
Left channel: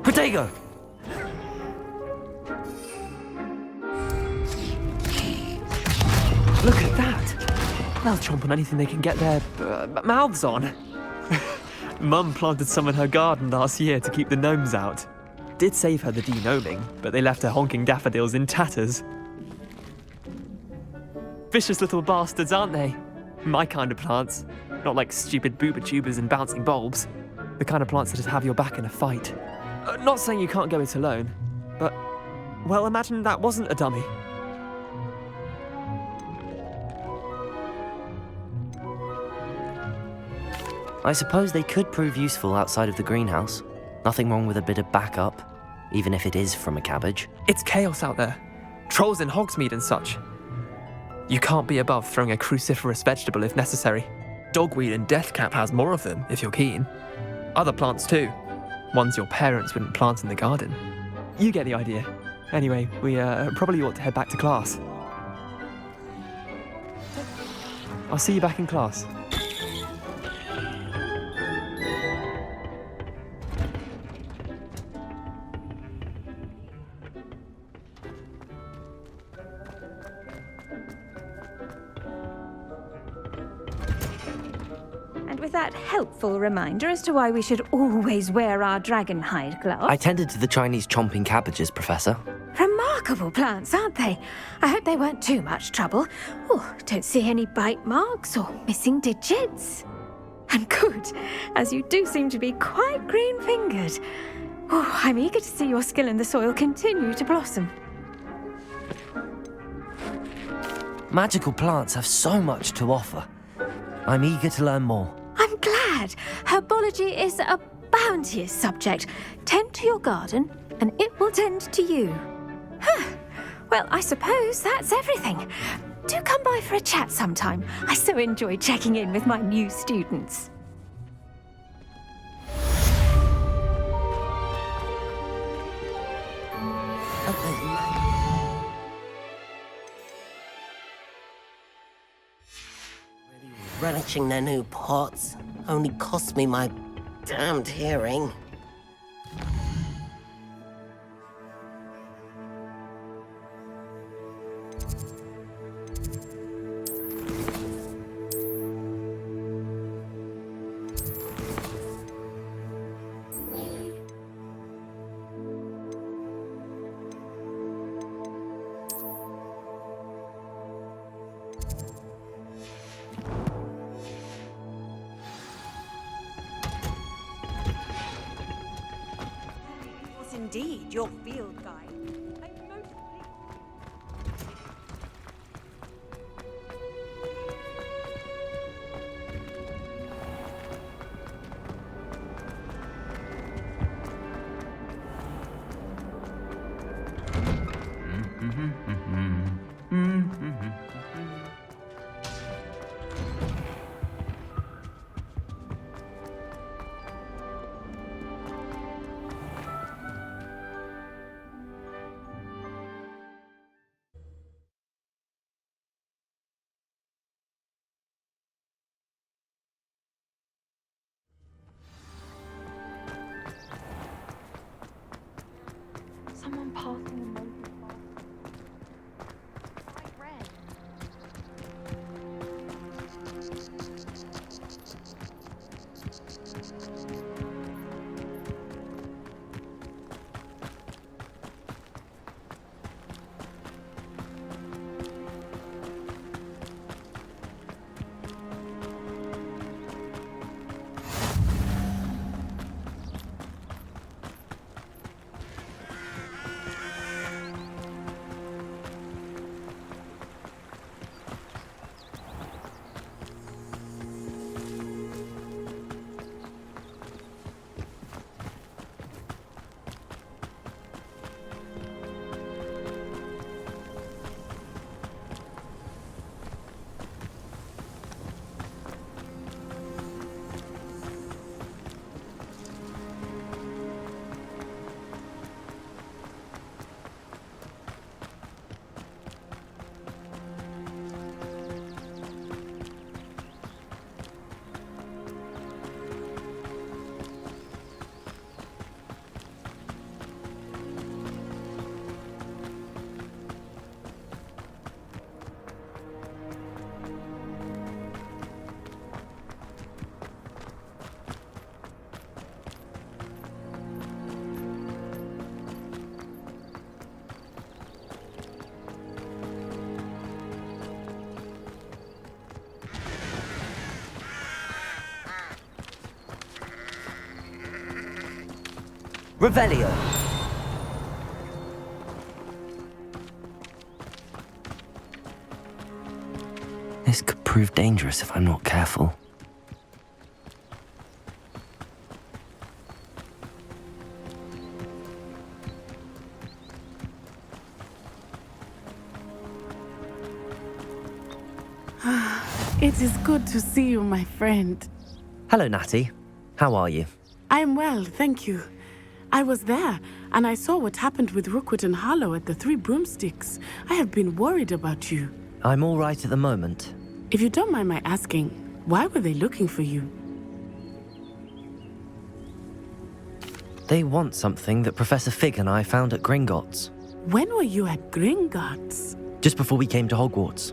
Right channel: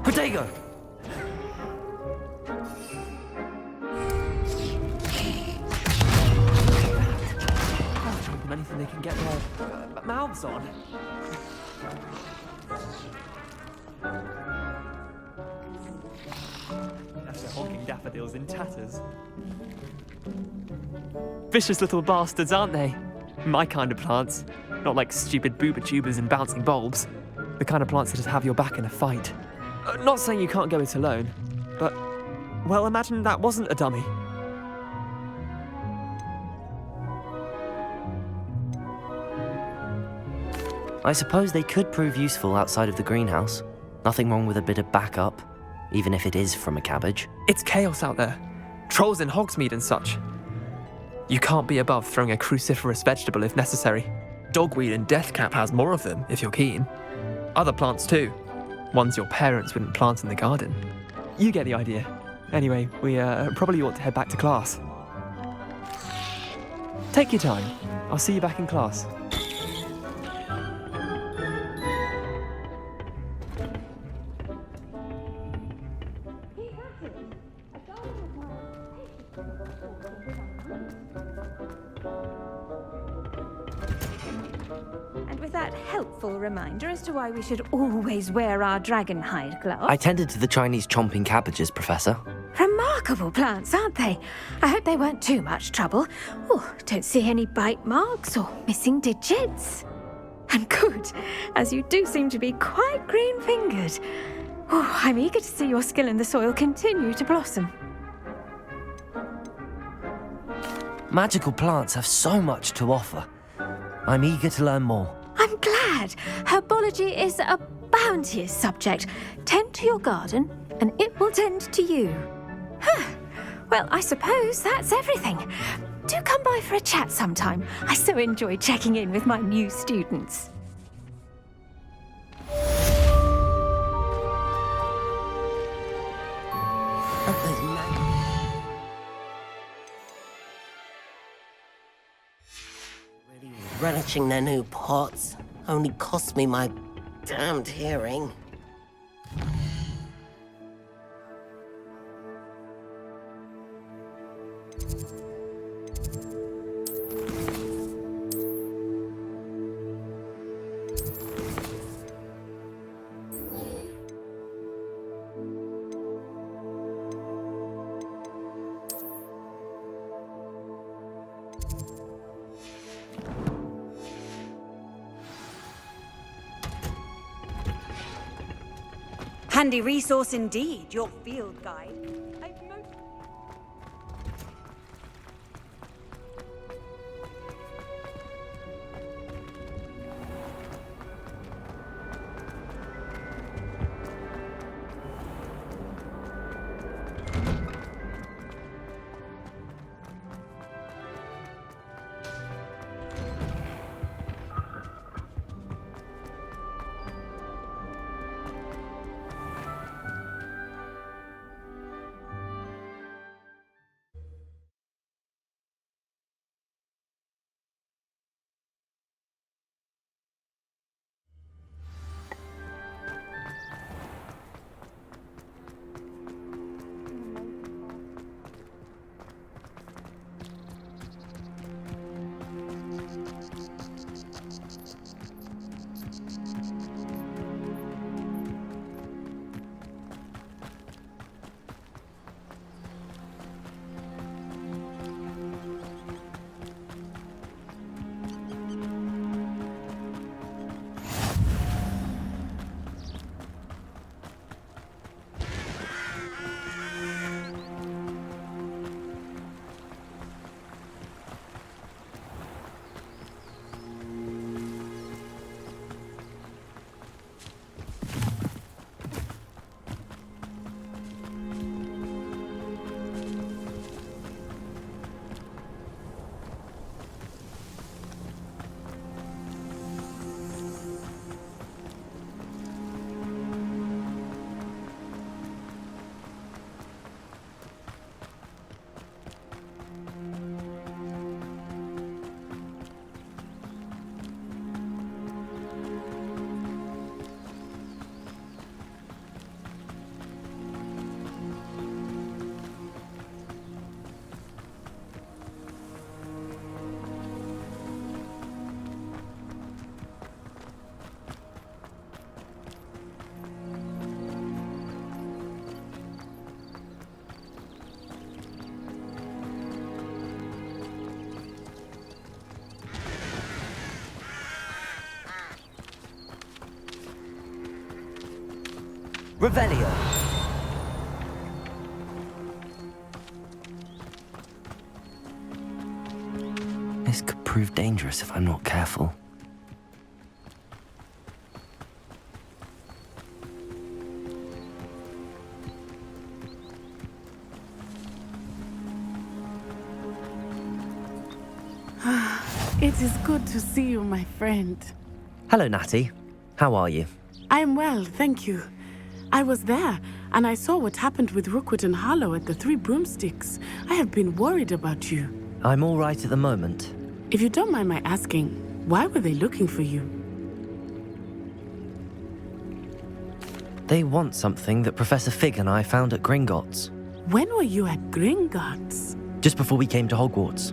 Protego! Look at that! They'll chomp on anything they can get their mouths on. Mum planted some in her garden last year to keep the gnomes out. Did save her the de-gnoming, but they left her honking daffodils in tatters. Vicious little bastards, aren't they? My kind of plants. Not like stupid booba tubers and bouncing bulbs. The kind of plants that just have your back in a fight. Not saying you can't go it alone, but, well, imagine that wasn't a dummy. I suppose they could prove useful outside of the greenhouse. Nothing wrong with a bit of backup, even if it is from a cabbage. It's chaos out there. Trolls in Hogsmeade and such. You can't be above throwing a cruciferous vegetable if necessary. Dogweed and deathcap has more of them, if you're keen. Other plants too. Ones your parents wouldn't plant in the garden. You get the idea. Anyway, we probably ought to head back to class. Take your time. I'll see you back in class. That helpful reminder as to why we should always wear our dragon hide gloves. I tended to the Chinese chomping cabbages, Professor. Remarkable plants, aren't they? I hope they weren't too much trouble. Oh, don't see any bite marks or missing digits. And good, as you do seem to be quite green-fingered. Oh, I'm eager to see your skill in the soil continue to blossom. Magical plants have so much to offer. I'm eager to learn more. I'm glad. Herbology is a bounteous subject. Tend to your garden, and it will tend to you. Well, I suppose that's everything. Do come by for a chat sometime. I so enjoy checking in with my new students. Really relishing their new pots. Only cost me my damned hearing. Handy resource indeed, your field guide. Revelio. This could prove dangerous if I'm not careful. It is good to see you, my friend. Hello, Natty. How are you? I'm well, thank you. I was there, and I saw what happened with Rookwood and Harlow at the Three Broomsticks. I have been worried about you. I'm all right at the moment. If you don't mind my asking, why were they looking for you? They want something that Professor Fig and I found at Gringotts. When were you at Gringotts? Just before we came to Hogwarts.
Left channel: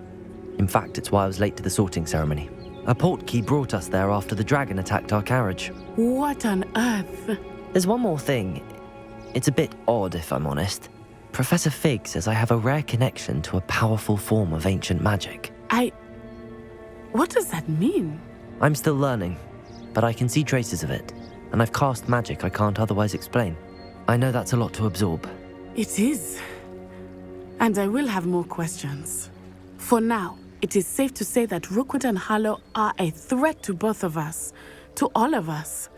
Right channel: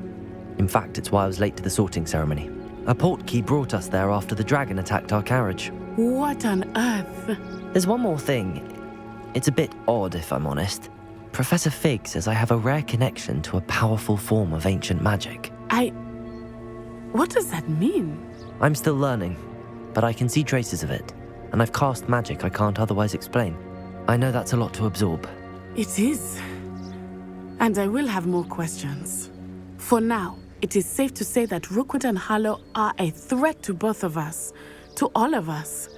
In fact, it's why I was late to the sorting ceremony. A portkey brought us there after the dragon attacked our carriage. What on earth? There's one more thing. It's a bit odd, if I'm honest. Professor Fig says I have a rare connection to a powerful form of ancient magic. What does that mean? I'm still learning, but I can see traces of it, and I've cast magic I can't otherwise explain. I know that's a lot to absorb. It is. And I will have more questions. For now, it is safe to say that Rookwood and Harlow are a threat to both of us, to all of us.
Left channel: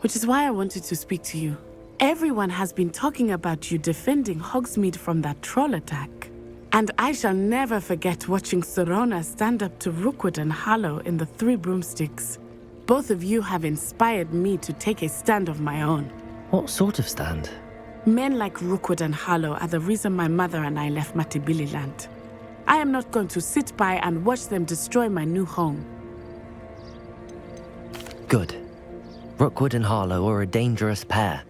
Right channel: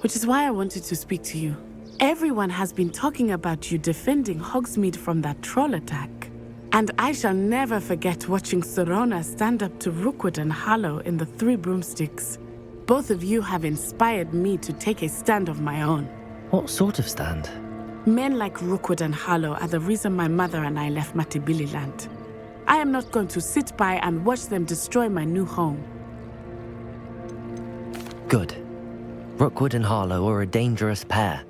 Which is why I wanted to speak to you. Everyone has been talking about you defending Hogsmeade from that troll attack. And I shall never forget watching Sorona stand up to Rookwood and Harlow in the Three Broomsticks. Both of you have inspired me to take a stand of my own. What sort of stand? Men like Rookwood and Harlow are the reason my mother and I left Matibililand. I am not going to sit by and watch them destroy my new home. Good. Rookwood and Harlow are a dangerous pair.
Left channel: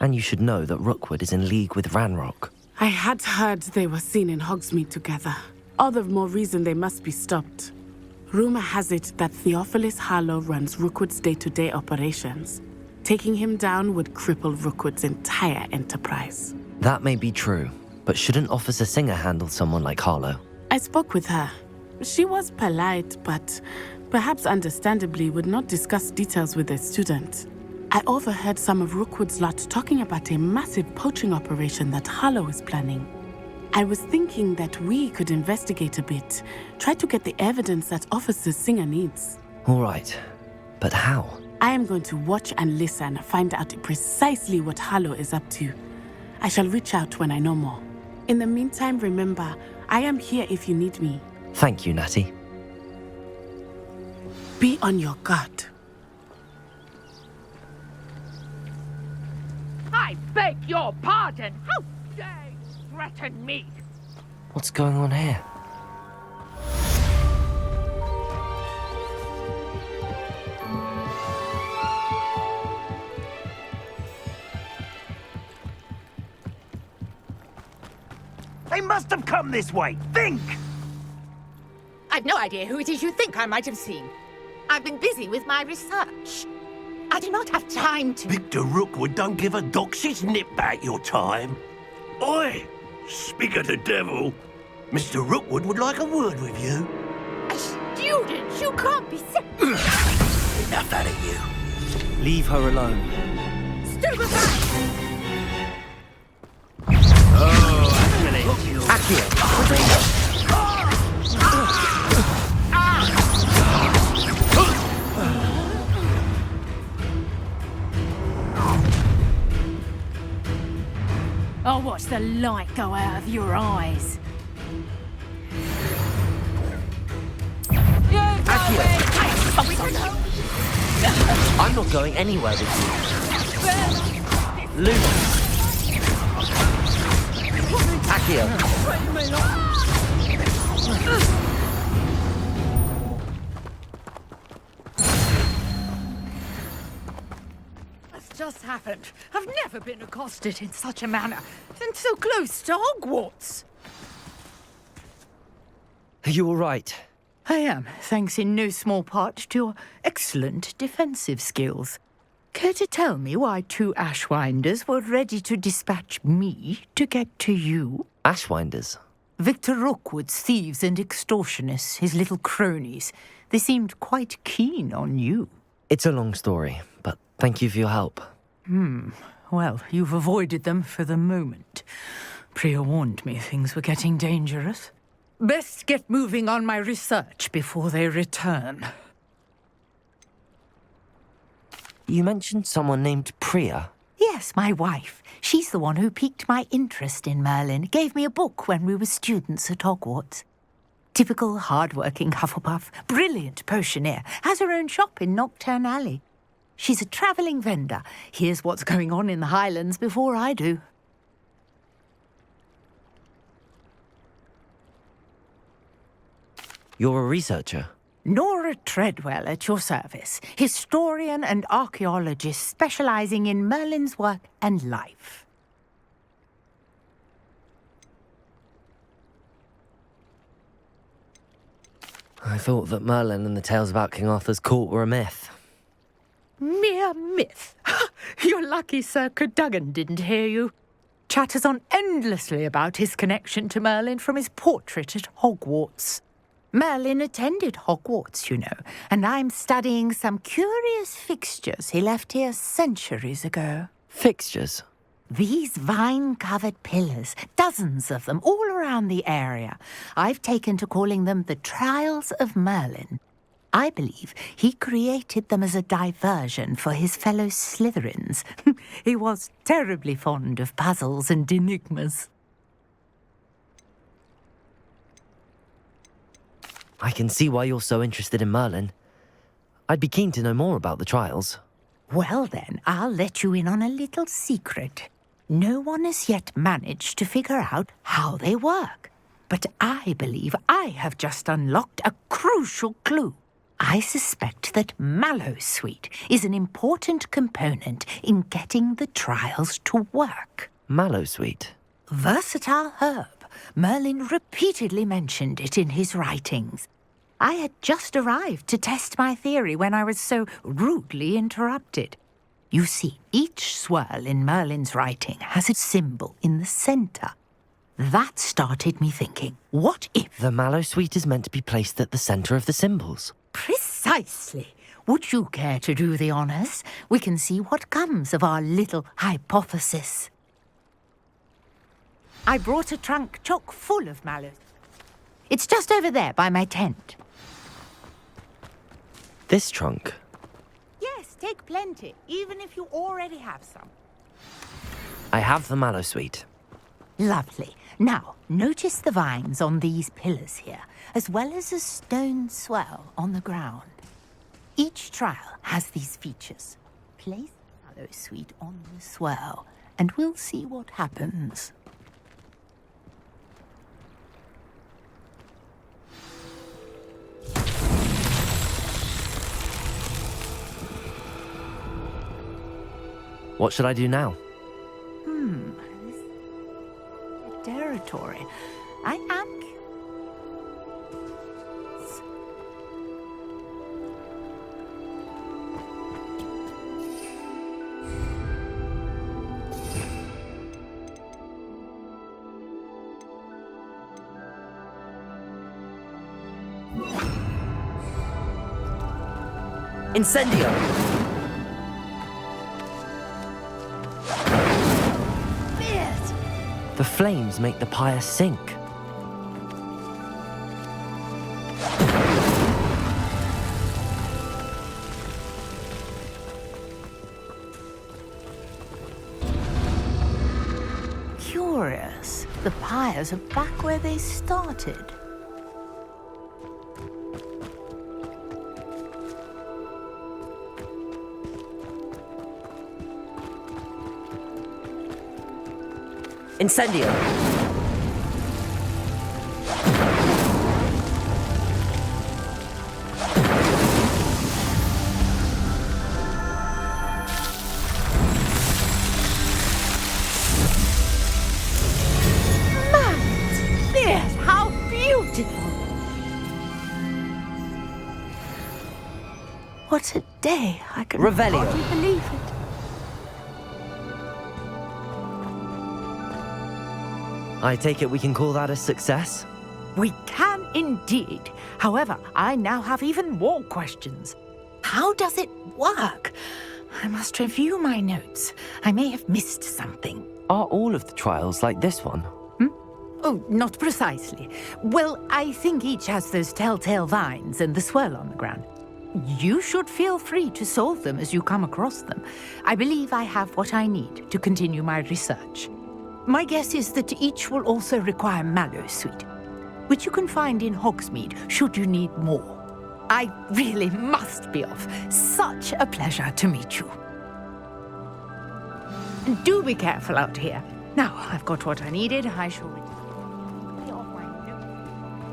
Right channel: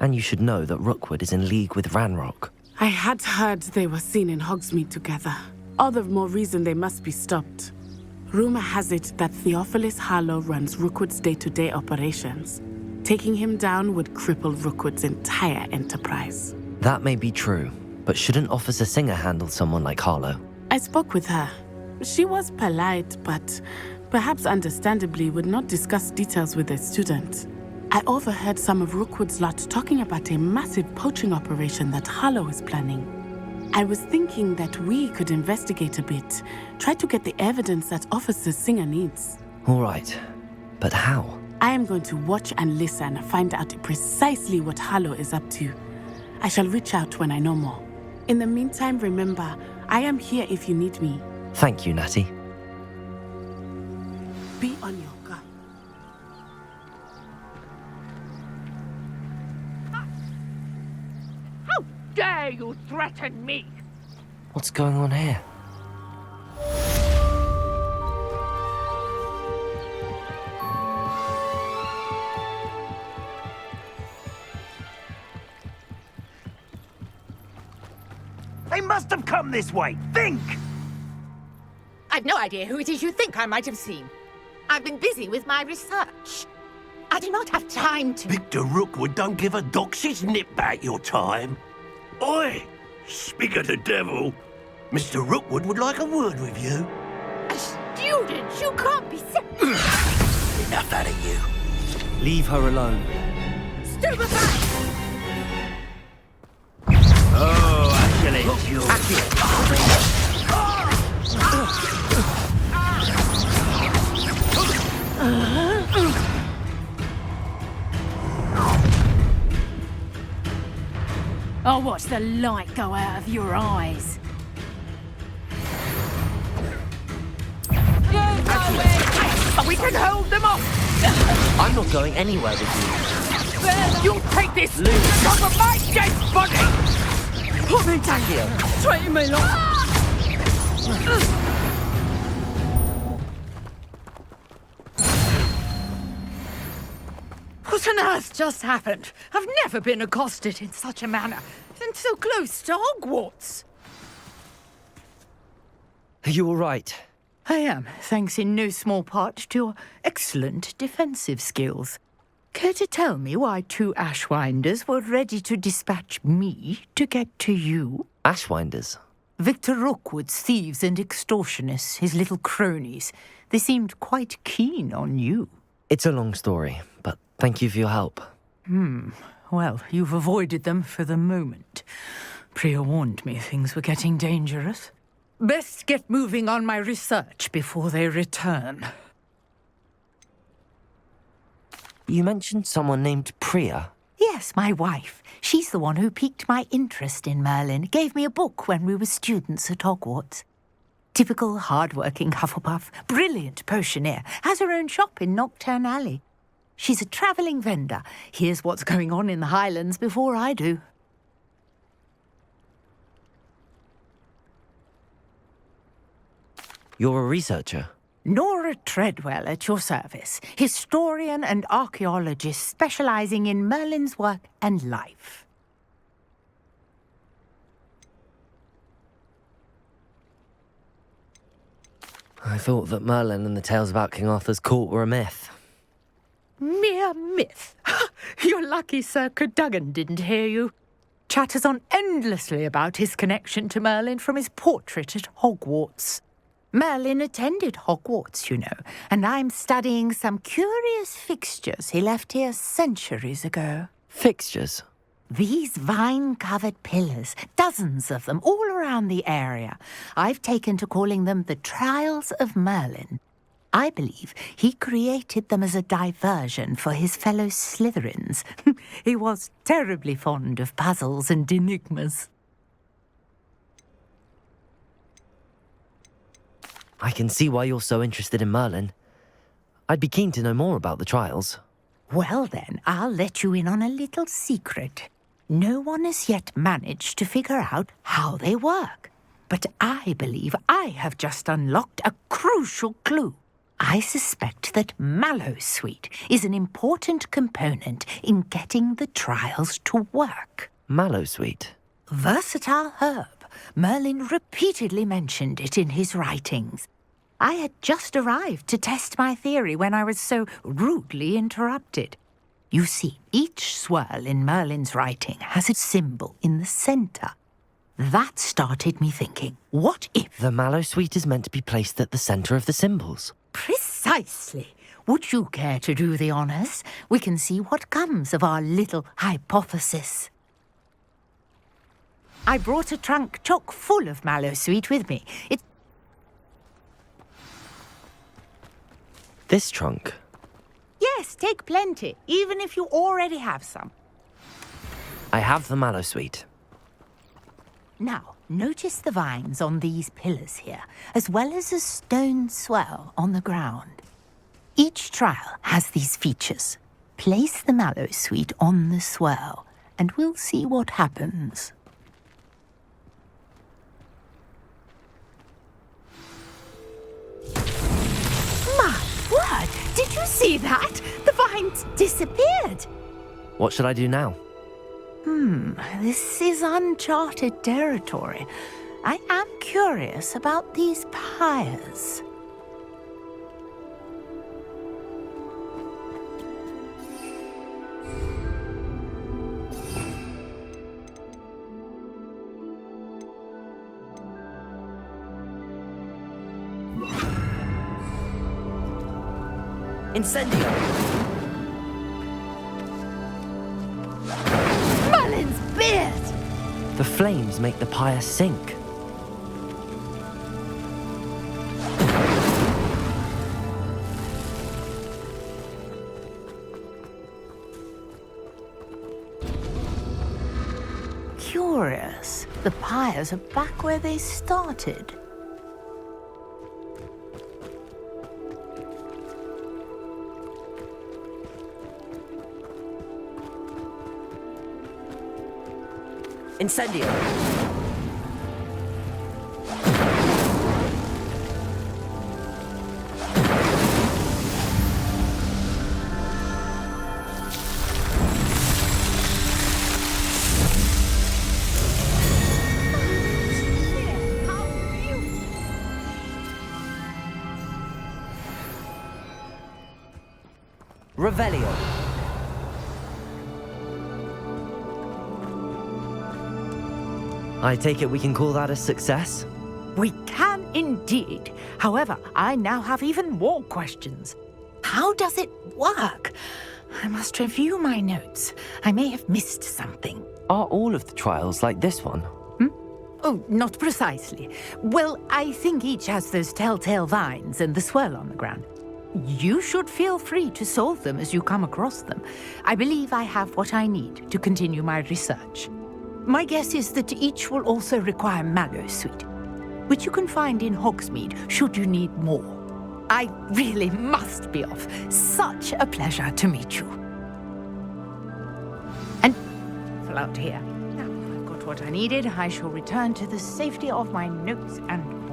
And you should know that Rookwood is in league with Ranrock. I had heard they were seen in Hogsmeade together. All the more reason they must be stopped. Rumor has it that Theophilus Harlow runs Rookwood's day-to-day operations. Taking him down would cripple Rookwood's entire enterprise. That may be true, but shouldn't Officer Singer handle someone like Harlow? I spoke with her. She was polite, but perhaps understandably would not discuss details with a student. I overheard some of Rookwood's lot talking about a massive poaching operation that Harlow is planning. I was thinking that we could investigate a bit, try to get the evidence that Officer Singer needs. All right, but how? I am going to watch and listen, find out precisely what Harlow is up to. I shall reach out when I know more. In the meantime, remember, I am here if you need me. Thank you, Natty. Be on your guard. I beg your pardon. How dare you threaten me? What's going on here? They must have come this way. Think! I've no idea who it is you think I might have seen. I've been busy with my research. I do not have time to... Victor Rookwood don't give a doxy's nip back your time. Oi! Speak of the devil. Mr. Rookwood would like a word with you. A student? You can't be so... Enough out of you. Leave her alone. Stupefy! Oh, actually... I'll watch the light go out of your eyes. We can hold them off! I'm not going anywhere with you. Then you take this Luke. off of my desk, buddy! Accio. Train me What on earth just happened? I've never been accosted in such a manner, and so close to Hogwarts. Are you all right? I am, thanks in no small part to your excellent defensive skills. Care to tell me why 2 Ashwinders were ready to dispatch me to get to you? Ashwinders? Victor Rookwood's thieves and extortionists, his little cronies. They seemed quite keen on you. It's a long story, but thank you for your help. Well, you've avoided them for the moment. Priya warned me things were getting dangerous. Best get moving on my research before they return. You mentioned someone named Priya. Yes, my wife. She's the one who piqued my interest in Merlin. Gave me a book when we were students at Hogwarts. Typical hard-working Hufflepuff, brilliant potioneer, has her own shop in Knockturn Alley. She's a travelling vendor. Hears what's going on in the Highlands before I do. You're a researcher? Nora Treadwell at your service, historian and archaeologist specialising in Merlin's work and life. I thought that Merlin and the tales about King Arthur's court were a myth. Mere myth. You're lucky Sir Cadogan didn't hear you. Chatters on endlessly about his connection to Merlin from his portrait at Hogwarts. Merlin attended Hogwarts, you know, and I'm studying some curious fixtures he left here centuries ago. Fixtures? These vine-covered pillars, dozens of them, all around the area. I've taken to calling them the Trials of Merlin. I believe he created them as a diversion for his fellow Slytherins. He was terribly fond of puzzles and enigmas. I can see why you're so interested in Merlin. I'd be keen to know more about the trials. Well then, I'll let you in on a little secret. No one has yet managed to figure out how they work. But I believe I have just unlocked a crucial clue. I suspect that mallowsweet is an important component in getting the trials to work. Mallowsweet? Versatile herb. Merlin repeatedly mentioned it in his writings. I had just arrived to test my theory when I was so rudely interrupted. You see, each swirl in Merlin's writing has a symbol in the centre. That started me thinking, what if... The mallowsweet is meant to be placed at the centre of the symbols. Precisely. Would you care to do the honours? We can see what comes of our little hypothesis. I brought a trunk chock full of mallowsweet with me. It's just over there by my tent. This trunk? Yes, take plenty, even if you already have some. I have the mallowsweet. Lovely. Now, notice the vines on these pillars here, as well as a stone swell on the ground. Each trial has these features. Place the mallowsweet on the swell, and we'll see what happens. My word! Did you see that? The vines disappeared. What should I do now? This is uncharted territory. I am curious about these pyres. Incendio! The flames make the pyre sink. Curious. The pyres are back where they started. Incendio! Yes, how beautiful! What a day! I can Revelio. hardly believe it. I take it we can call that a success? We can indeed. However, I now have even more questions. How does it work? I must review my notes. I may have missed something. Are all of the trials like this one? Oh, not precisely. Well, I think each has those telltale vines and the swirl on the ground. You should feel free to solve them as you come across them. I believe I have what I need to continue my research. My guess is that each will also require mallowsweet, which you can find in Hogsmeade should you need more. I really must be off. Such a pleasure to meet you. And do be careful out here. Now I've got what I needed. I shall return to the safety of my notes and books.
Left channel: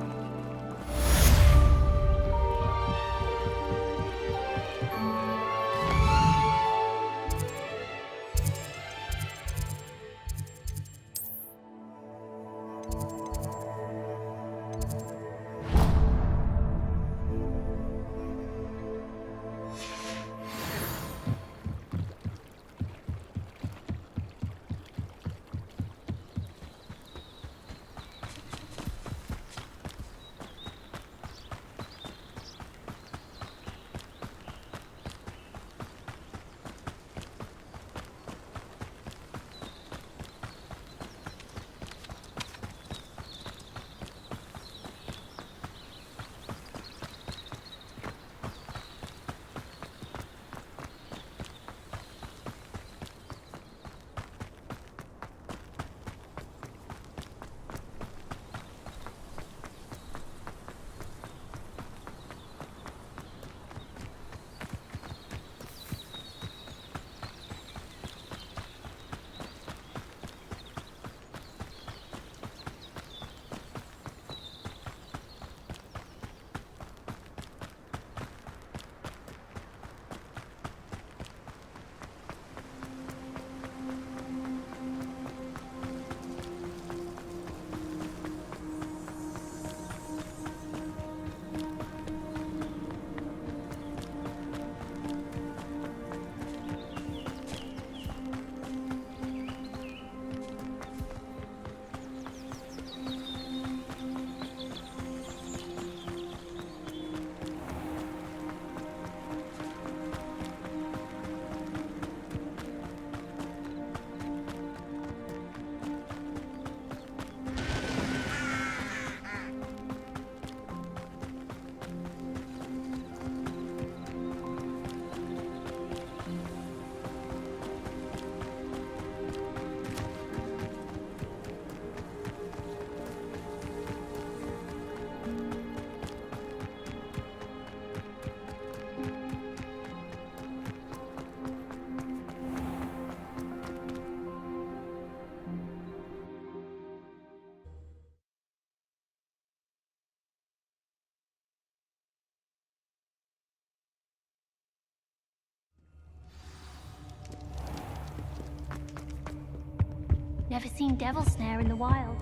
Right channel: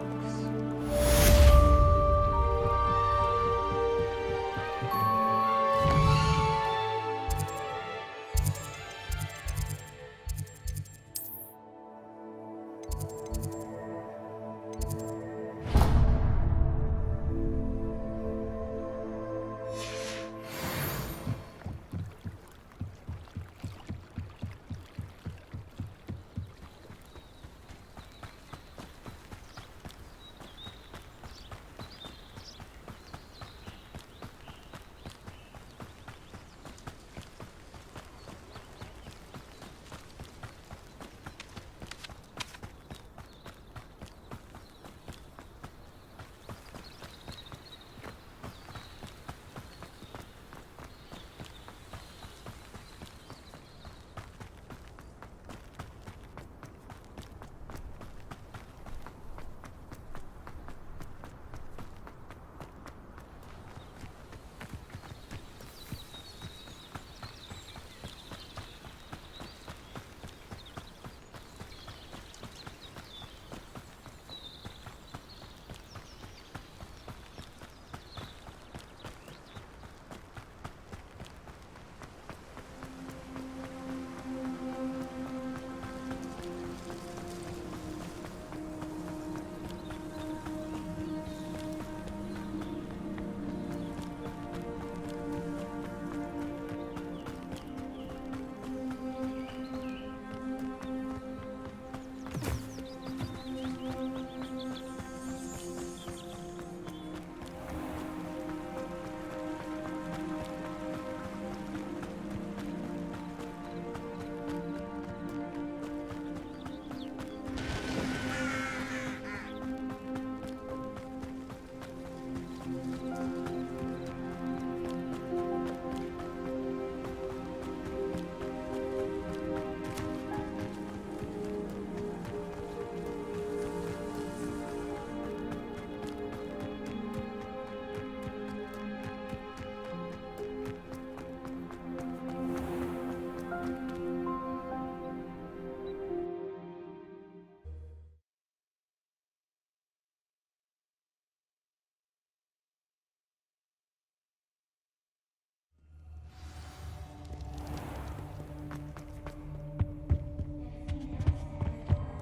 seeing devil snare in the wild.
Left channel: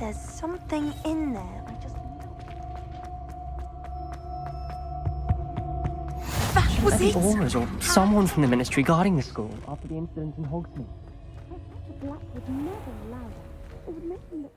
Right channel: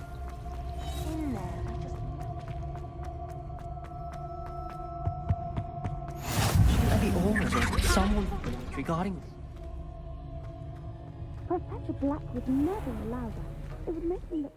There's something in there. I just Shouldn't there be aurors or someone from the ministry guarding the school after the incident in Hogsmeade? Professor Black would never allow that. It would make me look...